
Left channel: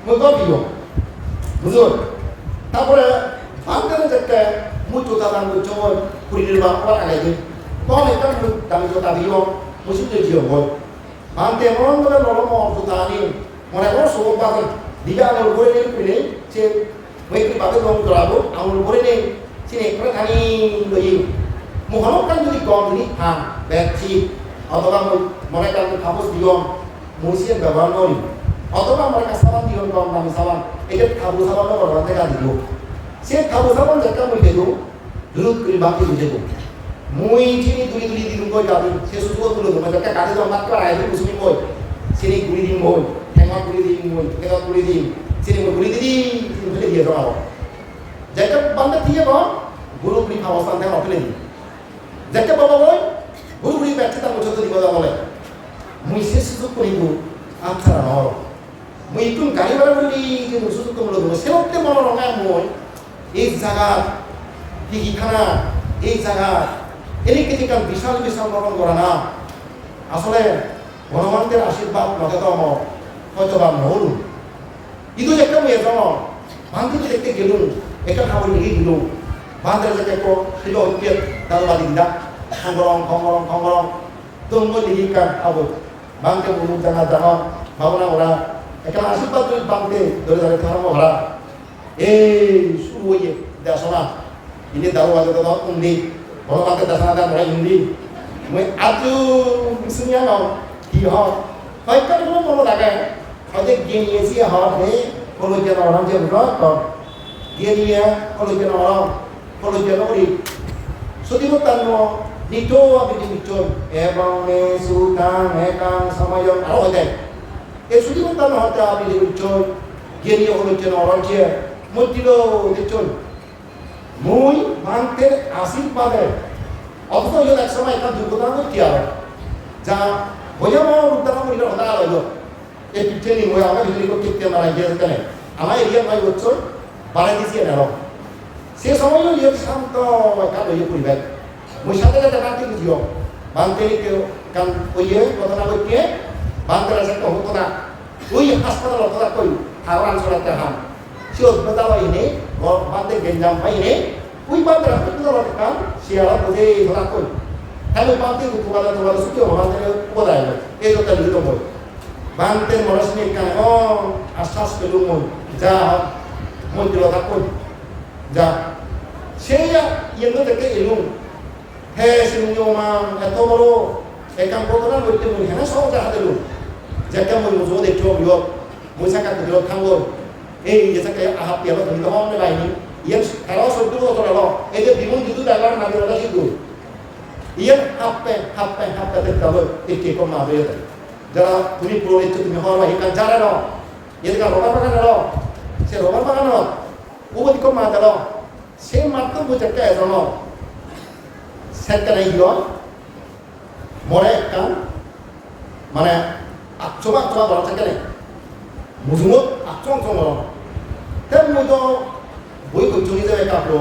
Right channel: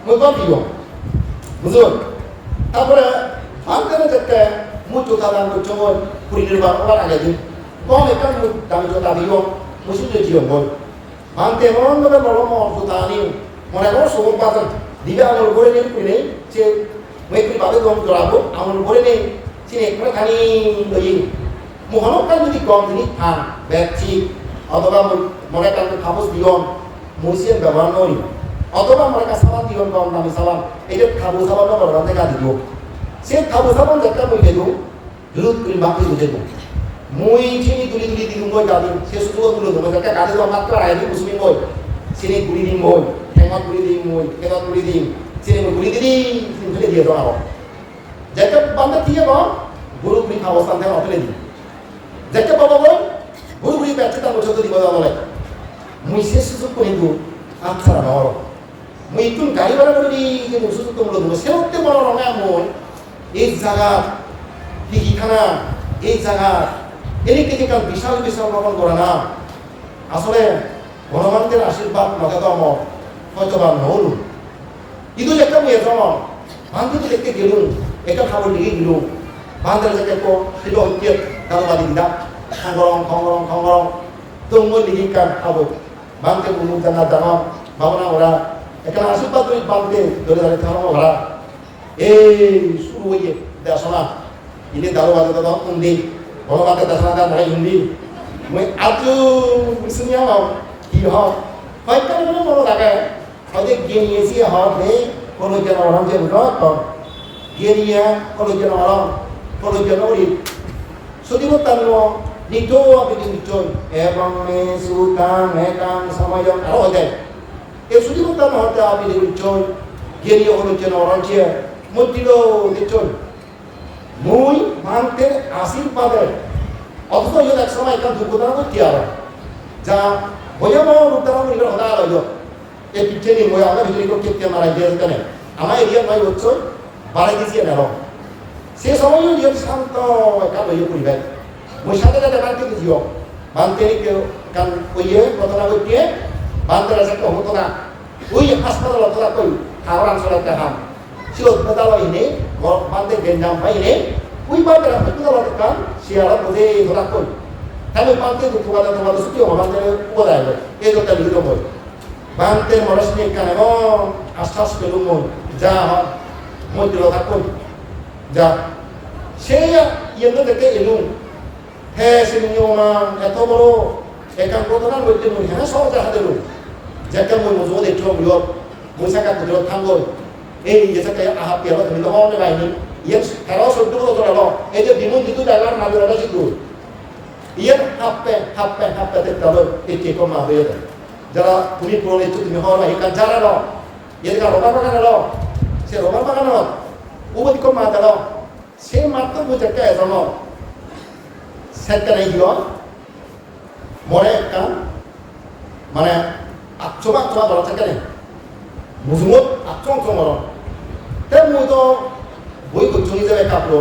মই ভাবিও বুঝো তারপরে বান্ধে যেকে মই জোতা দান করছো মই কুড়ি নির্বাহ করার আগে দিন কম একটা দামি জোতা দিও মই সিদ্ধ জিও মই বান্ধে মন ভাবে নরম জোতা আনি মনে করো সবর বাজার দিবে আমার উপরে নেই কুড়ি নেই সে মই একটু ভাবে গম জড়াবো আমার উপরে নেই sini pernah kani doyi muhanok kan jadi gom ini ham beci atau kan mereka itu hapus dion musisian bawa nori atau kan mereka sawan dion gom kami sawan itu hapus sawan lo orang mereka dion si hapus sawan mereka mau itu dulu kirim bakti itu jadi mui sini tuli di rumah jadi si susu dulu mereka kade tuh amat kerai itu kusumi boy sini guli di boy hemat guli di boy hemat guli di sini mau guli di sini guli dia dong apa Jacob bandar dia kok, buru-buru kawasan tengah apa lagi? Jacob apa boy? Buru-buru percaya tak macam tu di mana oleh? Muisnya susuk pun itu, antara orang. Mui pun kali mana buru di susuk tu mulut, muisnya waktu mana orang yang mui, jaga, tinggi tanah, jaga. Ini ketika bisal lakukan korana, asal orang ter asyirbat macam tu mau, kau coba mau. Itu Jacob ya sama, bantu tu dekte gelung. Ekan habol digi gilu bandar jake ko tilo ikir dalu bali dida kongorong tunggu digi kan habol bangke bulu tanah tanah babona ora ekan asil patri bangke dole tanah mo ora suruye dasona ini dalu bali dada undi bolo bangke dasona dan ora undi moi aju bisunya no ki ho hoy kan mono lagai hoje gini esi ho de kono jana orang je bro Genia kalau jenori, setiap tanu nito apa diucoi, emang sultan, mekan sama yang kalau ada, setiap tanu ada apa diucoi, genia kalau jenori je, mutilo diucoi, mui manter asil pada, atau tu yang tak sama ikan turbutan tu tiada, jangan, banyak orang lutar orang berikan kata kalau itu, picture ni mui awak beri kot kita malah jadi kan, ama area mai ucoi. Para disi na lo. Se সময় লিয়ে শান্ত একা লইয়ে পরিবে। মই সাথে সাথে বানতে গিয়েও। বানতে নি কেউ কান ওইয়ে ঘটনা করতে বানতে আছে তো হতো না। ওই হাসপাতাল হতো না কই হাওড়া অঞ্চলতে হাম। সে হাসপাতাল ইনে বানতে গেঞ্জাম পাই ইনে ওই বানতে হাসপাতাল কান শিয়ালা বুঝে হতা কই। তাই বানতে দুপুরা তোমাদের সুখী হবে বানতে কোদায় এই তো লিখিত বই। বানতে মনস্নি কানে আশ্বাস পেলুম যা মন্দির থাকুন যা সেই ইয়েন্দ্র থেকে এলুম হে সিনিয়মান এত বড় একাম ঘটনার মধ্যে মই হেনা সহজ হাতেলুম যাকে মই মজুদ দেখছো বিয়ত মই সাকা কুদরত থাঙ্গল এই যেসাকে আহাপ পেলো তুমি তো মনে বাইনি ইয়েন 13-14 বছর এলো এই যে বিমুন যুদ্ধ ডালার নাগিরটা ছিল ইয়েন হাপ্পে তেতালো এটি কম মা হয়ে যারা তুমি পুরো ইচ্ছা তুমি হওয়ার ভাই কান যারা নাও এদিকে রোবার বাগান এলো সে রোবার বাগানত উবদি কম মা দাও সে মাত্র বুঝাকে এজম সেকানে হিয় মরে কান মানে আচ্ছমা ধরা থাকে না বুঝুমত আচ্ছম ধরা তাই মই তো বই বুঝুম হিসেবে কাপড়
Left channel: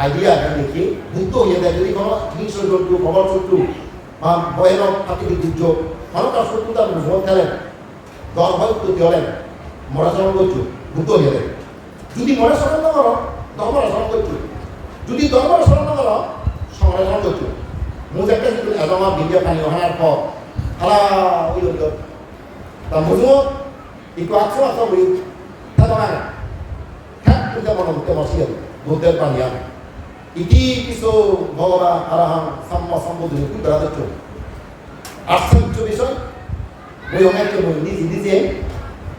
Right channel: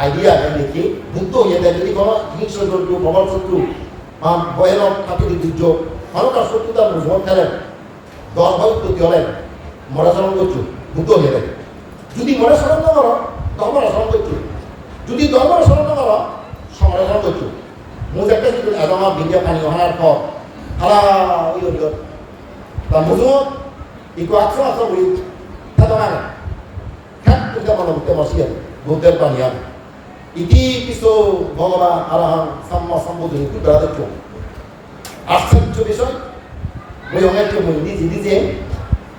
আইডিয়া দেখি বুদ্ধ হয়ে যায় যদি কোনো হিংস্র জন্তু প্রবল শত্রু বা ভয়ানক প্রাকৃতিক দুর্যোগ অনেকটা শত্রু তার বুঝুমত খেলে দর ভয় উত্তর হলে মরা চরণ করছু বুদ্ধ হয়ে যায় যদি মনে স্মরণ না করো ধর্মরা স্মরণ করছু যদি ধর্মরা স্মরণ না করো সমালোচনা করছু মুজাক্কা যদি এজমা বিজ্ঞান যে পানি ওখানার পর হালা ইয় দিও তা মুজুম ইকো আকসো আসো বলি তাই খ্যাত করতে মনে হতে বসিয়ে বুদ্ধের পানি আম ইতি কিছু ভগবান আরাহাম সাম্মা সম্বুদ্ধ কি বেড়াতে চলে আশ্চর্য বিষয় মই অনেককে মই নিজে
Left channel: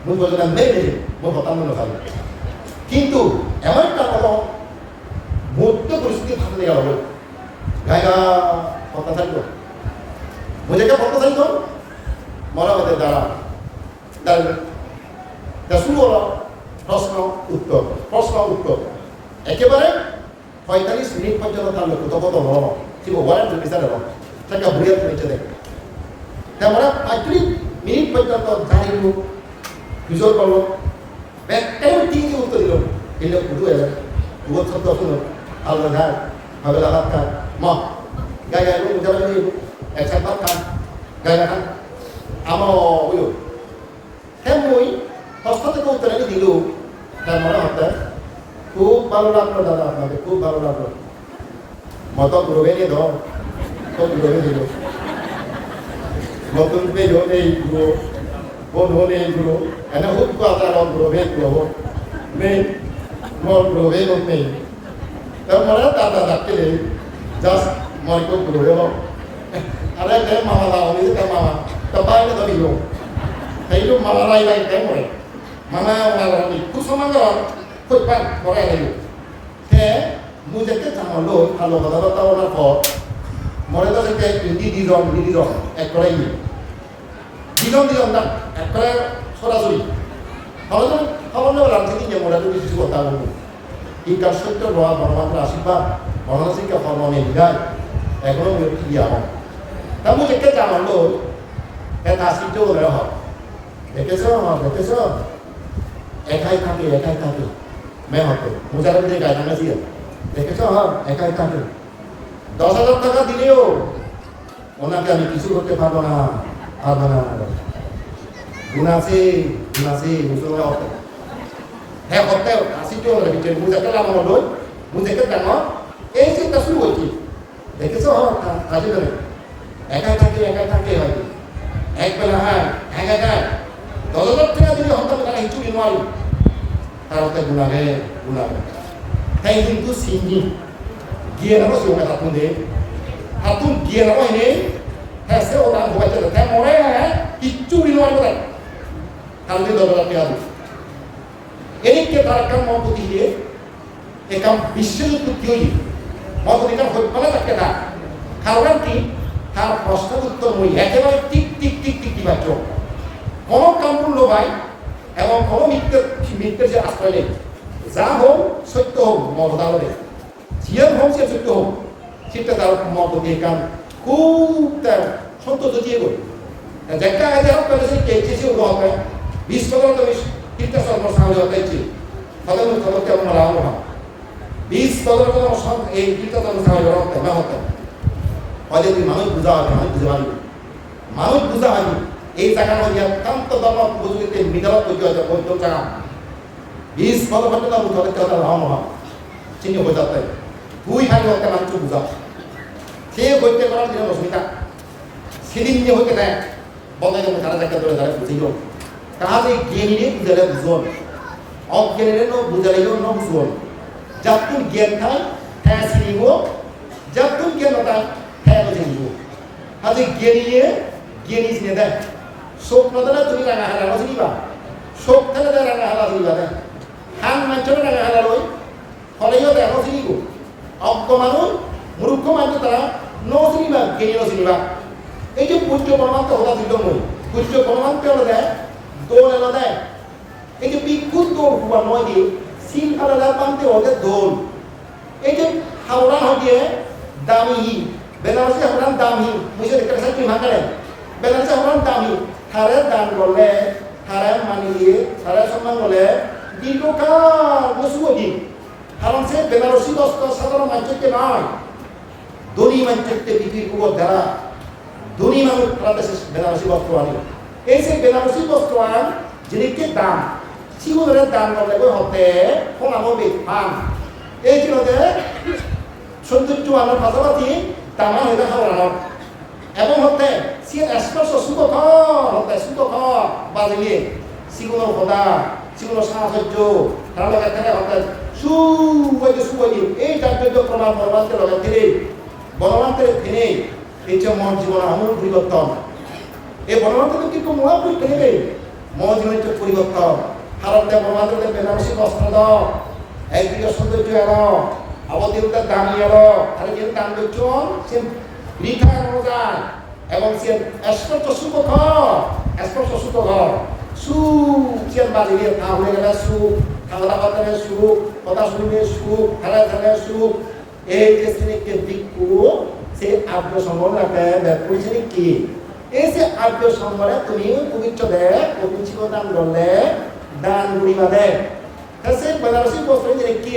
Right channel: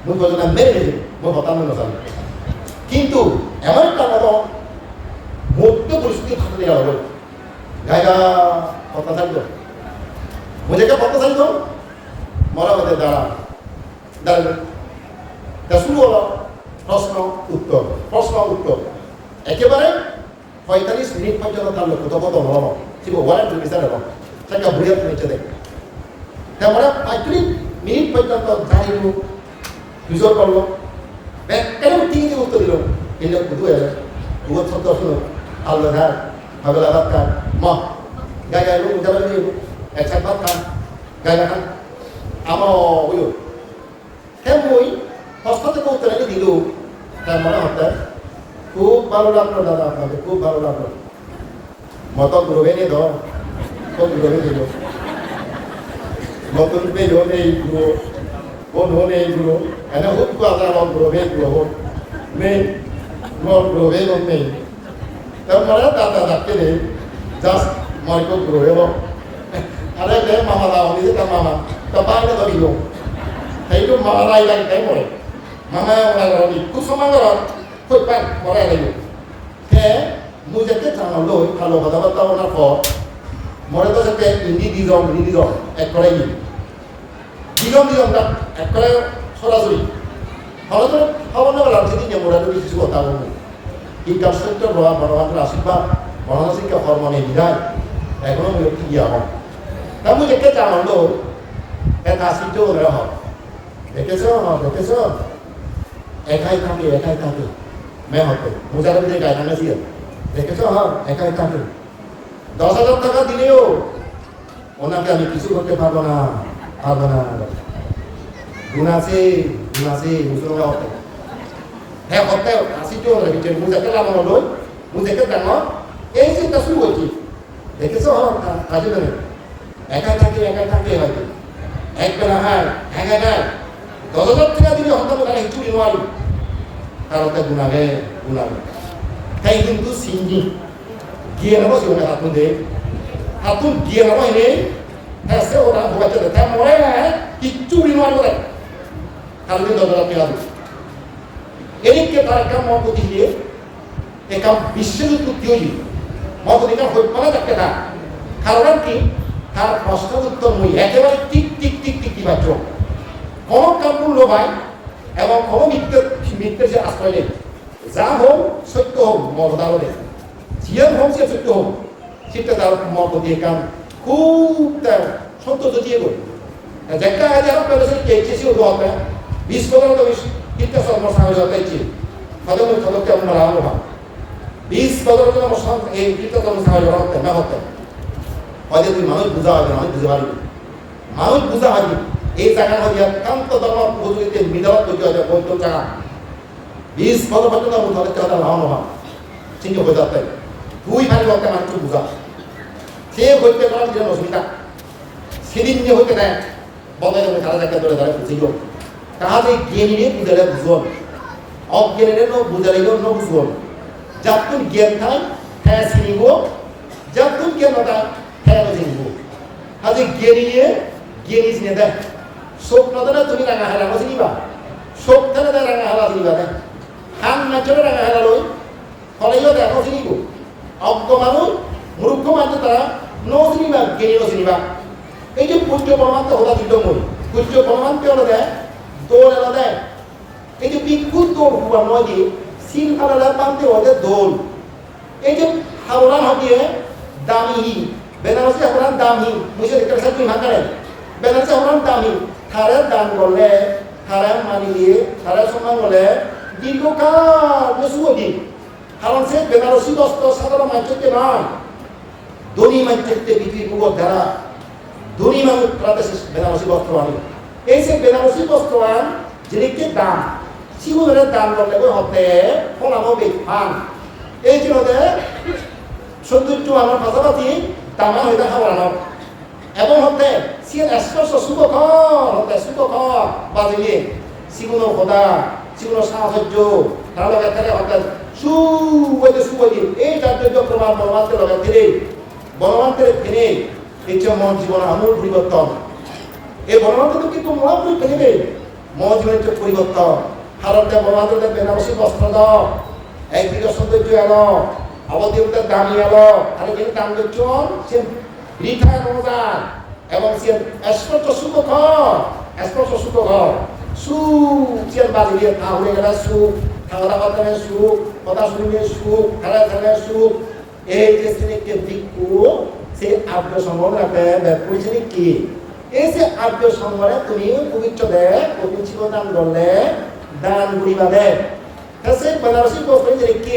মই পর্যন্ত মেরে নিজে মই হতাম মনে চাই কিন্তু এমন একটা বড় মুহূর্তে পরিস্থিতি ভাবতে গেল বলে গায়গা অত্যাচারিত মুঝেকে অত্যাচারিত মরা হতে দাঁড়াবে তা শুরু হলো প্রশ্ন উত্তর একেবারে 45 মিনিট পর্যন্ত তার লোক কত বড় ছিল ওয়ারেন্ট বিচারে সেটা বুড়িয়ে হয়েছে দেখ তারপরে 45 মিনিট পর্যন্ত জানিয়ে বিজয় করলো কেন টিকে উত্তর দিল এলে উদু এলে উগত শব্দ শুনো আলো ধার ভাবেলা ভাত খান মা গায়ে lu jalan ini eksak bakam gaya kan amo uyo kemui hospital ko utara ni dilu kamera hotta খুব ভালো লাগলো দাদা আপনাদের খুব ভালো লাগলো মতো গ্রোভে নিয়ে দাও তো গ্রোভে নিয়ে দাও মতন पे जो नहीं ग्रो वो नो नहीं ग्रो एना खुद को आता है ग्रोभे ग्रो मैं मोर ग्रोभे नो मैं तब मरा दादा दाके ले just mari ko ग्रोभे लो अरे ले मामा लाओ नहीं तो मामा तब बाहर में तो भी हो thấy जो मामा लाई लाई cái rồi मामा लाई rồi đi cứ sống rồi khuếch bạch có ra đầy đủ thế mua ra kết thằng nào lôi thằng lôi vào tao là phò mỗi đứa sẽ kêu đi đi rồi এক করে gì দিগম না এক করে সরাসরি হলো তো খবর না বললাম সেদিন যে মোরা যদি কিছু কথা বলবো এই কাজ সত্য প্রভাব ভগবানের আশীর্বাদ মনসিকা হরমোনে বিদায় এখনো বিরক্তি গিয়া হয় তা মুঝে কে চামলো এটা আশীর্য বলে হয় দেখেছ একাই থাকে मैं होते मुझे लगे गाय थाने चाहिए देखे तो हाँ एक ही थाने 10,000 টাকা দিলেও ওনাকে আমি কিছু করতে পারবো না গুনাসে মুসলমান হতে হ্যাঁ হতে আসি চল রে বিচে মুঝে কে লাগানো লই মুঝে কে দাঙ্গ এই চিন্তা শুরু হইছে দেখেছো আসি বলে একাই থাকে হয়তো এক বেলা হ্যাঁ একা গায় 10,000 টাকা দিলে হতে না চুরি নোয়ারি harusnya gunakan. Kayak gitu sini, dia nama sih orang hatun dia nama ini, hasil orang bukan cerita, kayak orang itu di luar kota. Kalau dia dolar tiada, ini kita rekam mau putih dia, rekam bisul putih ini, mau putih kan mana tak kita, kalau nanti har pasta uttor mui, একেবারে tik dibaca, kalau kamu lobai এবং কোনো মিথ্যের যে আশ্রয় নেই যা হোক সত্য হোক মমতার নেই জিয়ান হোক সে সত্য হোক সেটা তার মমতি কান খুব তার সন্তোষ দিয়ে গই যেটা আগে আর পেলে সে কেছে ও হবে 20 তো কিনতে সরমর সামনে হতেছি খতম কেমন মালাম না 20 তো আমার সব এই কিনতে তো সামনে হতে না হতে হয়তো তুই মানুষ বুঝা হয় মানুষ বুঝা হয় এই জায়গার মধ্যে একান্ত ধর্ম বুঝতে বিদ্যালয় করতে হয় বৈদ্যম জায়গা 20 পর্যন্ত বুঝতে কথা হওয়া চিহ্ন হয়ে যাচ্ছে তুই ভাই হতে মানুষ বুঝা সে হইতে করার দিন অসুবিধা সেদিন নিয়ে হইতে দেয় বন্ধ সারা জায়গা ধরে দাঁড়ায় বুঝিও তাহলে জ্ঞানীরে বুঝালে বুঝল অজ্ঞানীরে বুঝালেও বুঝল যাতুন জ্ঞান থাই হ্যাঁ চিনিব যাতুন জ্ঞান নথাই হ্যাঁ চিনিব আজ জ্ঞানী চিনে দেয় শোক নদনা তুমি রাঙা হালা নজিবা শোক থানে দেয় রাঙা হালা জিনিবা দেয় হান মাঞ্চনে রাঙা হালা লই ফলেও দেয় নজিব অজ্ঞ মানুষ মূর্খ মানুষ তারা নজিবা জ্ঞানী নজিবা এই যে পূজ্য পরমান্তে হতা দিল মই পূজ্য পরমান্তে হলো দেয় দোল এলো দেয় এই যে বিক্ষুত দোল হুয়া নয় দিয়ে শিল ফালালার পান্তে হতে দোল এই যে হাওড়ান হয় দিয়ে দামি বেনারসি হাওড়ান দামি মুঝে দেখতে সাথে ভাঙা বেনারসি হাওড়ান দামি হারের দান করলে হারের মানি দিয়ে হারের সম্মান করলে দীর্ঘকাল বসুও দিন কারণ সে বেনারসি বস্ত্র সাধারণ মানুষকে নয় ধনী মানুষকে পৃথিবীর উপর ধারা ধনী মানুষ বেনারসি বস্ত্র আনে এই সে বেনারসি বস্ত্র আন যেদিকে দাম সিগুনের দান করলে কই হতে ফোনানো বেফান এই জন্য সৌন্দর্য আনার পাশাপাশি দামান হয়ে দেখা বলানো এবং হতে সিয়েন স্পর্শ সুখকর হতে সুখকর বাজিলে সিগুনো খোদা সিগুনো সাহসর্য তারা লগা তেরে হতে সুবজি এই চার্য প্রমাণ বনবান্তে লগা তেরে বনবান্তের ফেনে ইচ্ছে মন জীবন আমূল পরিবর্তন এই বনবান্তে তো কিন্তু মহাপুরুষ ফেলিবে মন জীবনের যে পরিবর্তন ভারতে বনবান্তের বেনারসি বস্ত্র দাও একদিকে সৌন্দর্য এলো অবদেবতার দামি এলো আর যে দাম দিচ্ছ সে বৃথা যায় এবং সে স্পর্শ সুখকর সুচিয়ান বাজিয়ে তা হয়ে গেলে সুখ থাকা বাতানে সুখ কথা শুনিবে সুখ খেলা খেলে সুখ এই যে শ্রেণীকে দিকু সে আর্য সম্বন্ধ রাখতে ব্যাপুর শ্রেণী কি এই যে আর্য সম্বন্ধে তুমি পবিত্র দেয় পবিত্র দান করলে দান গুড়িবা দেয় সে বেনারসি বস্ত্র যে কি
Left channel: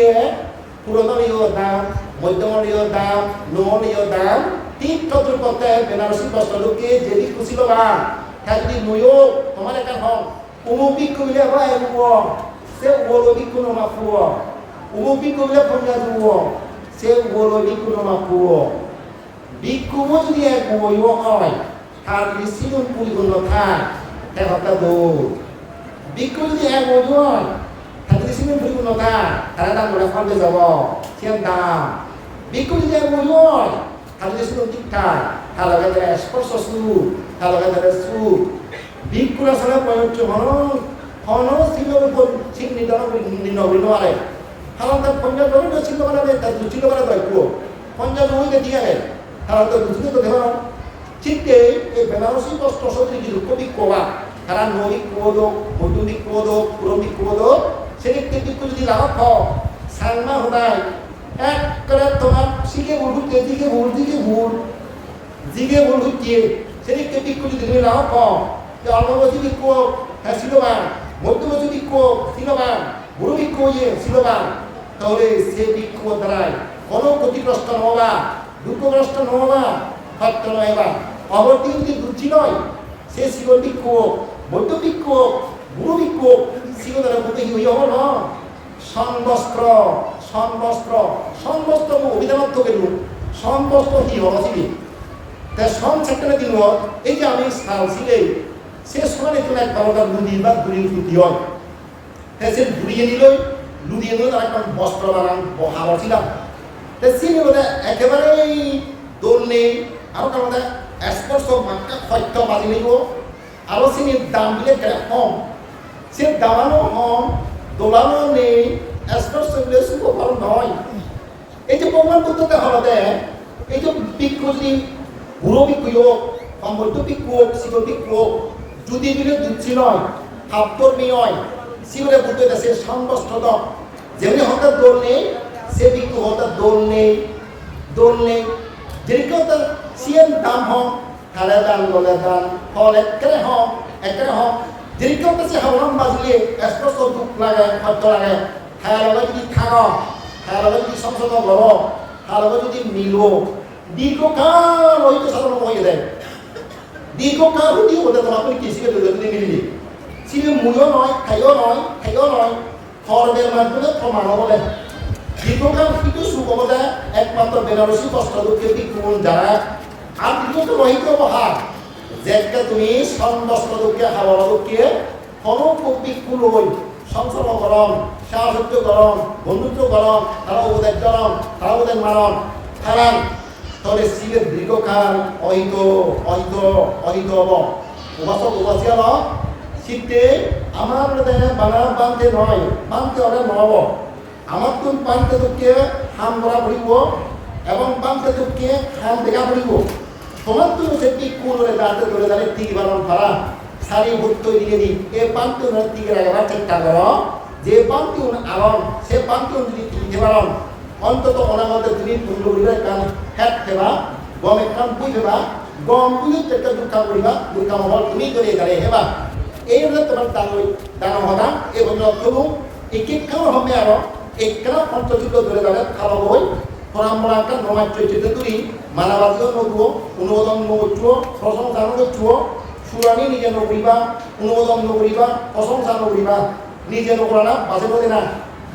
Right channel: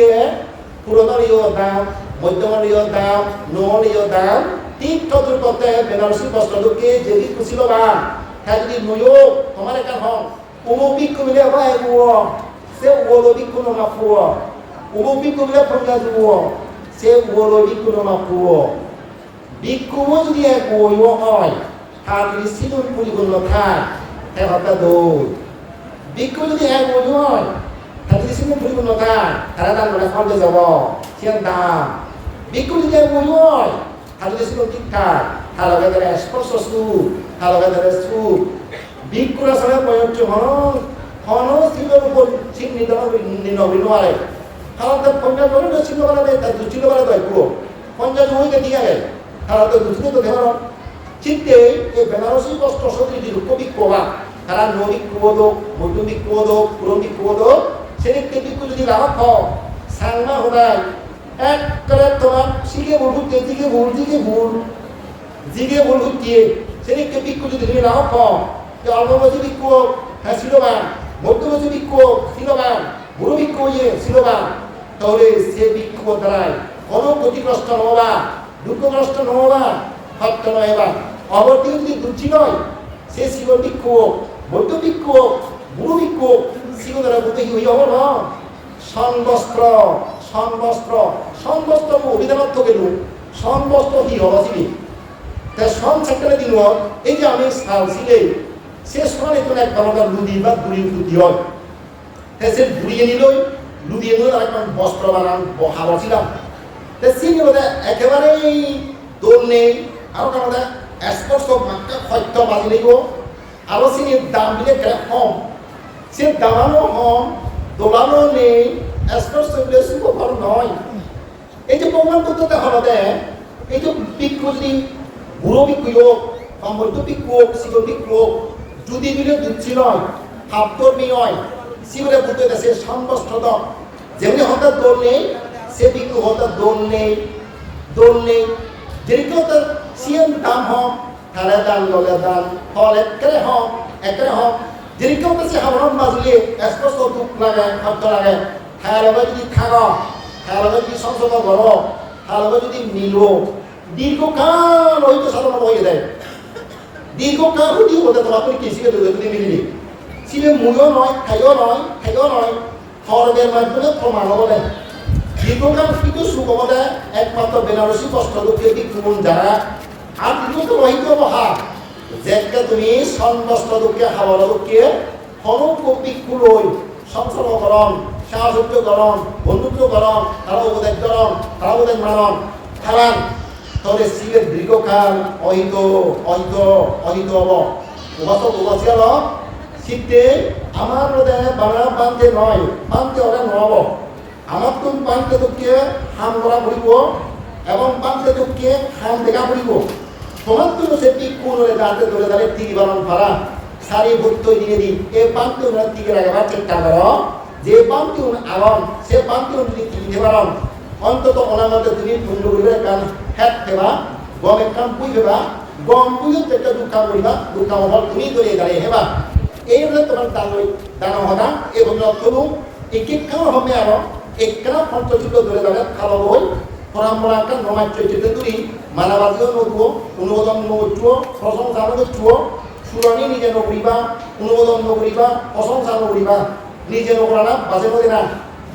পুরোদলীয় দাম মধ্যমলীয় দাম নমলীয় দাম ঠিক তদ্রুপতে বেনারসি বস্ত্রকে যদি খুশি লবা হ্যাঁ যদি নয় তোমার একা হন অমুক বিক্ষু মিলে বা এগুলো সে ওলো বিক্ষু নমা ফুয় অমুক বিক্ষু মিলে ফঞ্জা জুয় সে ওলো বিক্ষু নমা ফুয় বিক্ষুও যদি এগুলো হয় তার যদি সিনুন পরিপূর্ণ থাক হ্যাঁ হত্যা দৌড় বিক্ষু যদি এগুলো হয় তার যদি সিনুন পরিপূর্ণ থাক তারা দাম বলে ফলতে যাব সে দাম বিক্ষু যদি এগুলো হয় তার যদি সিনুন ঠিকঠাক তার লগে ধরে স্পর্শ সুখ তার লগে ধরে সুখ বিক্ষুরা সঙ্গে প্রয়োজ্য হন স্থিরের উপর ঠিক নির্ণয় নোৱাৰে কারণ তার পঞ্চাশ বছর ছিল মানে তার দুছিল মানে দৈক্য 50 হইতে ঠিক আছে কারণ তো দুছিল তো দেবার চিত্তে এই বেনারসি বস্ত্র সদৃশ কবি কোবা তারা নদী কুয়োদো মধ্যমিক কুয়োদো পুরমিক কুয়োদো সেদিককে দিকু যদি লাভ খাও সাংমা হুনাই এক করে তোমার শিখে ভুল হুতে জিগে ভুল হুতিয়ে সেদিককে দিকু যদি তুমি লাভ খাও যে অল্প বছর বিক্ষ হ্যাঁ শিলবান মধ্যবছর বিক্ষ শিলবান বুড়ো বিক্ষ ইয়ে শিলবান তাহলে সে বিক্ষ দ্বারাই কোনো ক্ষতিগ্রস্ত নহবা দুঃখগ্রস্ত নহবা সত্য নহবা অবর্তী যদি দুর্জি নয় সে শিগন বিক্ষ মধ্য বিক্ষ বুড়ো বিক্ষ শিগন দ্বারা বুদ্ধি হইয়া হল সনবস্ত্র অভিধানত গেলু সনবস্ত্র হি হবাসিবি তা সন সেক্টরে দিন এই যে আমি সালছিলেই সে সোনার একজন এক বারোটা লুদি বা দুড়ি লুদি হয় তাই সে ঘুরিয়ে নিলই লুদিয়ে নিল তার একটা বস্ত্র বানান হাবর ছিলাম তাই সে নিল একেবারেই দোল নেই আরো কারণ স্পর্শ বাক্যা সত্য বাজি নেই আরো চিনির দাম বিলে কেন কম সে দামানো কম দোলানো নেই স্পর্শ বিলে শুভকর নয় এই যে প্রমাণ করতে হলতে এই যে বিক্ষু যদি বুড়ো বিক্ষু হোক বা মধ্য বিক্ষু হোক শিগন বিক্ষু হোক যদি বিলে দুচ্ছি নয় ভাবতর মেয়ে হয় শিবরে বুদ্ধ সে সম্বস্ত্র যেমনি হঠাৎ দোল নেই সে বিক্ষু হঠাৎ দোল নেই যেরকম তার সিএন দাম হোক খালে দান ললে দান ফল একেবারে হোক যেরকম সে হাবরণ বাজলে স্পষ্ট দুঃখ লাগে সত্য লাগে খায়ার লগত যদি থাক খায়ার লগত যদি সংসদ কর খায়ার লগত যদি মিল দীর্ঘকাল হয়তো সাধন হয়ে দেয় দীর্ঘকাল হইতেও বলতে তোমার তুমি কৃষিকে যদি মিলিলি সিবে মুইও নয় খাইও নয় খরবের মাধ্যমে প্রমাণ বলে দীর্ঘকাল কিন্তু সুগমতা একমাত্র বেনারসি বস্ত্র দুঃখের দিক কোন যারা আর দ্বিতীয়ত রহিত বহা যেটা তুমি সন বস্ত্র দুঃখে হাওয়া দুঃখে হনুবিক্ষু লই সংসর্গকরণ সাহসর্যকরণ বন্ধুত্বকরণ তারা বোধের মানন খেলান তাহলে শিবের দীর্ঘকাল অহিত হব উপাসিয়াল শীতে আমার বাংলা বানতে নয় বানতে ওরা নহব আমার তুমি বানতে দুঃখে হাম করা পড়িব এবং বানতে দুঃখে হাম দেখা পড়িব তোমার তুমি সেটি কোনরে দাঁড়তে ধরে টিকি বারণ করা সারি ভুক্ত দিকে দিই এই বানতে টিকে রাখবার চেষ্টা কর যে বানতে আগন সে বানতে যদি টিকে বারণ অন্তত ওনার মধ্যে তুমি পুণ্য করিবার কান হেট ফেবা গমের কান পুই ফেবা গম পুইও একটা দুঃখাম করিবা দুঃখাম হল তুমি করে দাঁড়িয়ে হেবা এই হলে তোমার দানম হতা এই বন্ধু তবু একেকাল হবে আর একখানা পঞ্চযুগ ধরে দাঁড়ে খালো বই পরামরাঙ্কা নমাজ চৈত্য তুলি মানাবাদীও নদুব অনুমোদন নচুব প্রশংসা নচুব সুরানি নিজে নকরিবা অনুমোদন নকরিবা প্রশংসা নকরিবা নিজে নকরা না বাজে নদে না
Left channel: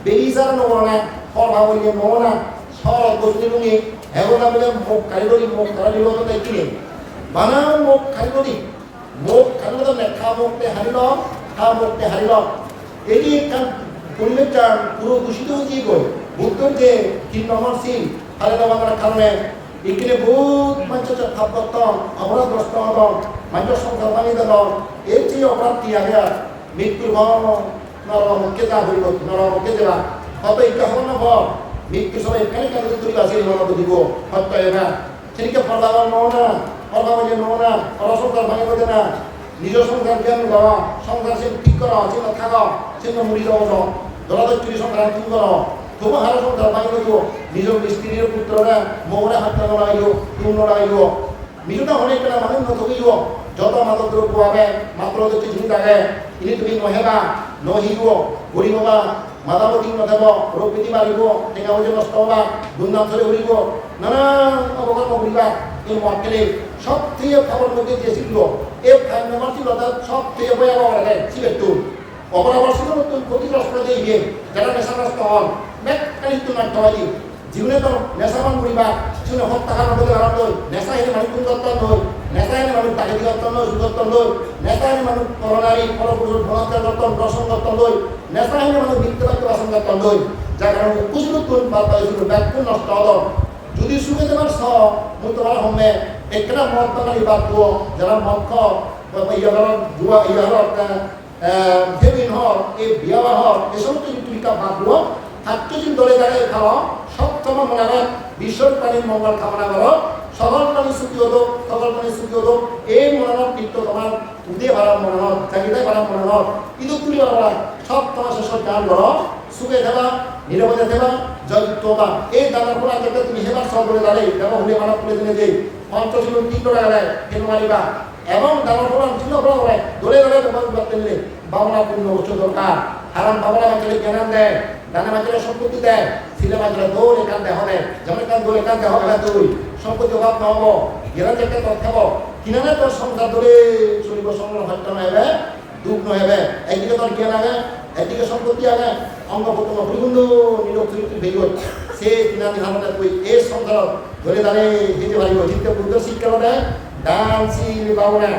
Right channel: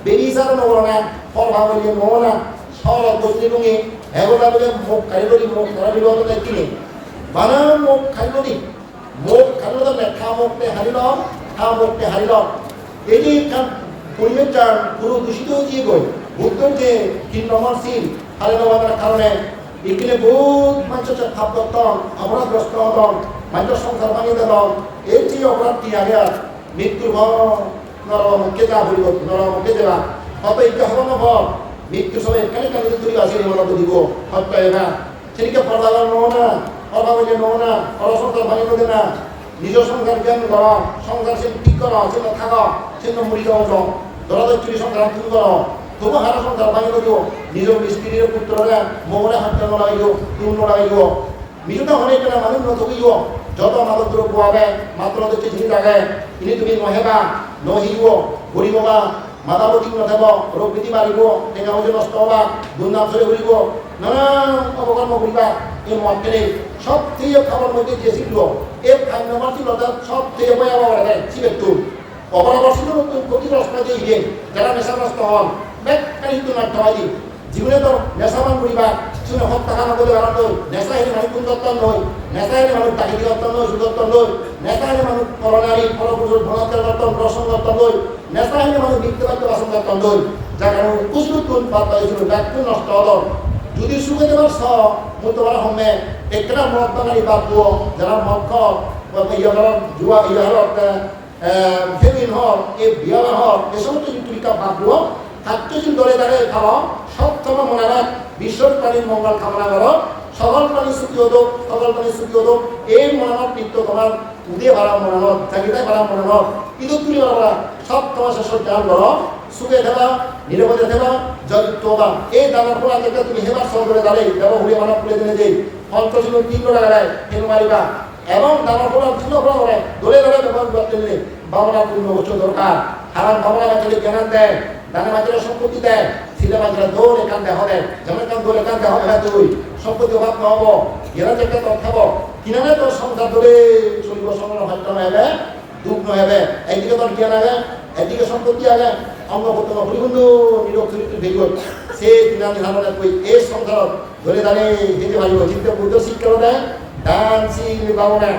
বেবিচার নকরা না ফল ভাঙলি নহনা শরৎ বস্তি লুঙি এগোটা বলে মুখ কারিগরি কিনে বানা মোক খাইলো দি মোক খাইলো তার খা মুখতে হারিল খা মুখতে হারিল এই যে পরিবেশটা পুরো দূষিত হয়ে গই বুদ্ধর যে কিন্নমর্শীল হারিল বানার কারণে এখানে বহুত মানুষ ভাব করতাম অপরাধগ্রস্ত হতাম মানুষ সংসার বানিয়ে দিতাম এর যে অপরাধটি আগে আর মৃত্যুর ভয় নরমকে যা হইব নরমকে দেবা হয়তো এটা হব না ভয় মৃত্যুর সময় এখানে কেন তুলি আসিলি মনে দিব হত্যা হয় না সেদিকে পরবাবার নও না পরবাবার যে নও না পর সংসার ভাঙে দেবে না নিজ সংসার জ্ঞান কর সংসার সে ঠিক কর সে থাক সে মুড়ি যাও দরাদরি সংসার তুমি কর তবু হারা সংসার ভাঙি দেব নিজ স্ত্রীর পুত্ররা মোহরে হত্যা লাগাইব তুম লাগাইব নিজটা অনেক কেনা মানুষ নথকিব যত মাদক দ্রব্য হবে মাত্র হচ্ছে জিনিস আগে ইনি তুমি নহেবা নহিব ঘুরিব বা মাদাবতী নথেব রোগ বিধি বাড়িব টেঙা বজে নষ্ট হবা দুর্নাম চলে ঘুরিব নানা অপকর্ম ঘুরিবা এই মদ কেনে সব থেকে খাবার মধ্যে যে শিখল এই 5 নম্বর ছিল সব থেকে ভয়াবহ করে সিবেট্টু অপরাবর ছিল নতুন ক্ষতিগ্রস্ত দিয়ে ইয়ে যারা নেশাগ্রস্ত হন ব্যাগখানি কিন্তু নষ্ট হয় দিন জীবনে তোর নেশাবান ঘুরিবা জীবনে হত্যা নগদে বেড়াত নেশা এনে মানুষ কুন্দত্তন নয় নেশা এনে মানুষ ডাকাতি কর্তন নয় সুদত্তন নয় নেশা এনে মানুষ পরনারী পরপুরুষ বলাৎকার কর্তন দর্শন কর্তন নয় নেশা এনে মানুষ মিথ্যে বাক্য বাসন কর্তন নয় যার কারণে কুসলুতুন বাদ পাইছিল ব্যাগটুন নষ্ট হল যদি সুখে দেবার স মুই তোমার হমে একটা মদ বাঙালি বাদ যারা মদ ইয়ার জুয়া ইয়ার হেবিন হর এ বিয়া হর এ সমস্ত জীবিকা বাদ দিও হাত্যজিন দলে দাঁড়ায় খাওয়া সব সময় মনে হয় বিশ্বর প্রাণীর মঙ্গল কামনা করো সকল প্রাণী সুখী হতো সকল প্রাণী সুখী হতো এই মনোনব নিত্য তোমার উদে ভাড়া মনোনব জাগিদায় ভাড়া মনোনব ইঁদুর তুলি ভাড়া সব তোমার শেষের গান করো সুখে দেবা নিরাপদে দেবা জয়যুক্ত হবা এই দানার ফোলা যেটা তুমি হেবার সহ করে দাঁড়াই দেবা হলে মানা ফুলে দিনে যেই পঞ্চশীল 3 টাকা দেয় হেনু মারিবা এবং দানার ফোলা ছিল ফোলা করে দলে দলে ব্যবহার করতে নিলে বাংলা পূর্ণ বছর দরকার হারান বাংলা বাচ্চাদের জ্ঞান দেয় দানা বাচ্চারা সম্পত্তি দেয় ছেলে বাচ্চারা দৌড় এখান দেহ দেয় যেমন এখান দৌড় এখান দেহ দেখা তুই সম্পত্তি অভাব না হব জ্ঞান একটা তোর খাব কিনানে তোর সংসার ধরে চলিব সংসার হত্যা নহবে দুঃখ নহবে একদিকে তোর জ্ঞান আগে একদিকে সম্পত্তি আগে অঙ্গ প্রত্যঙ্গ পরিবন্ধ নিরোগ চরিত্র ভেজি সে কিনানি হারানে তুই এই সংসার ধরে দাঁড়িয়ে যেতে পারিব চিন্তা বুদ্ধ শিক্ষা দেয় দানশীল বাবু না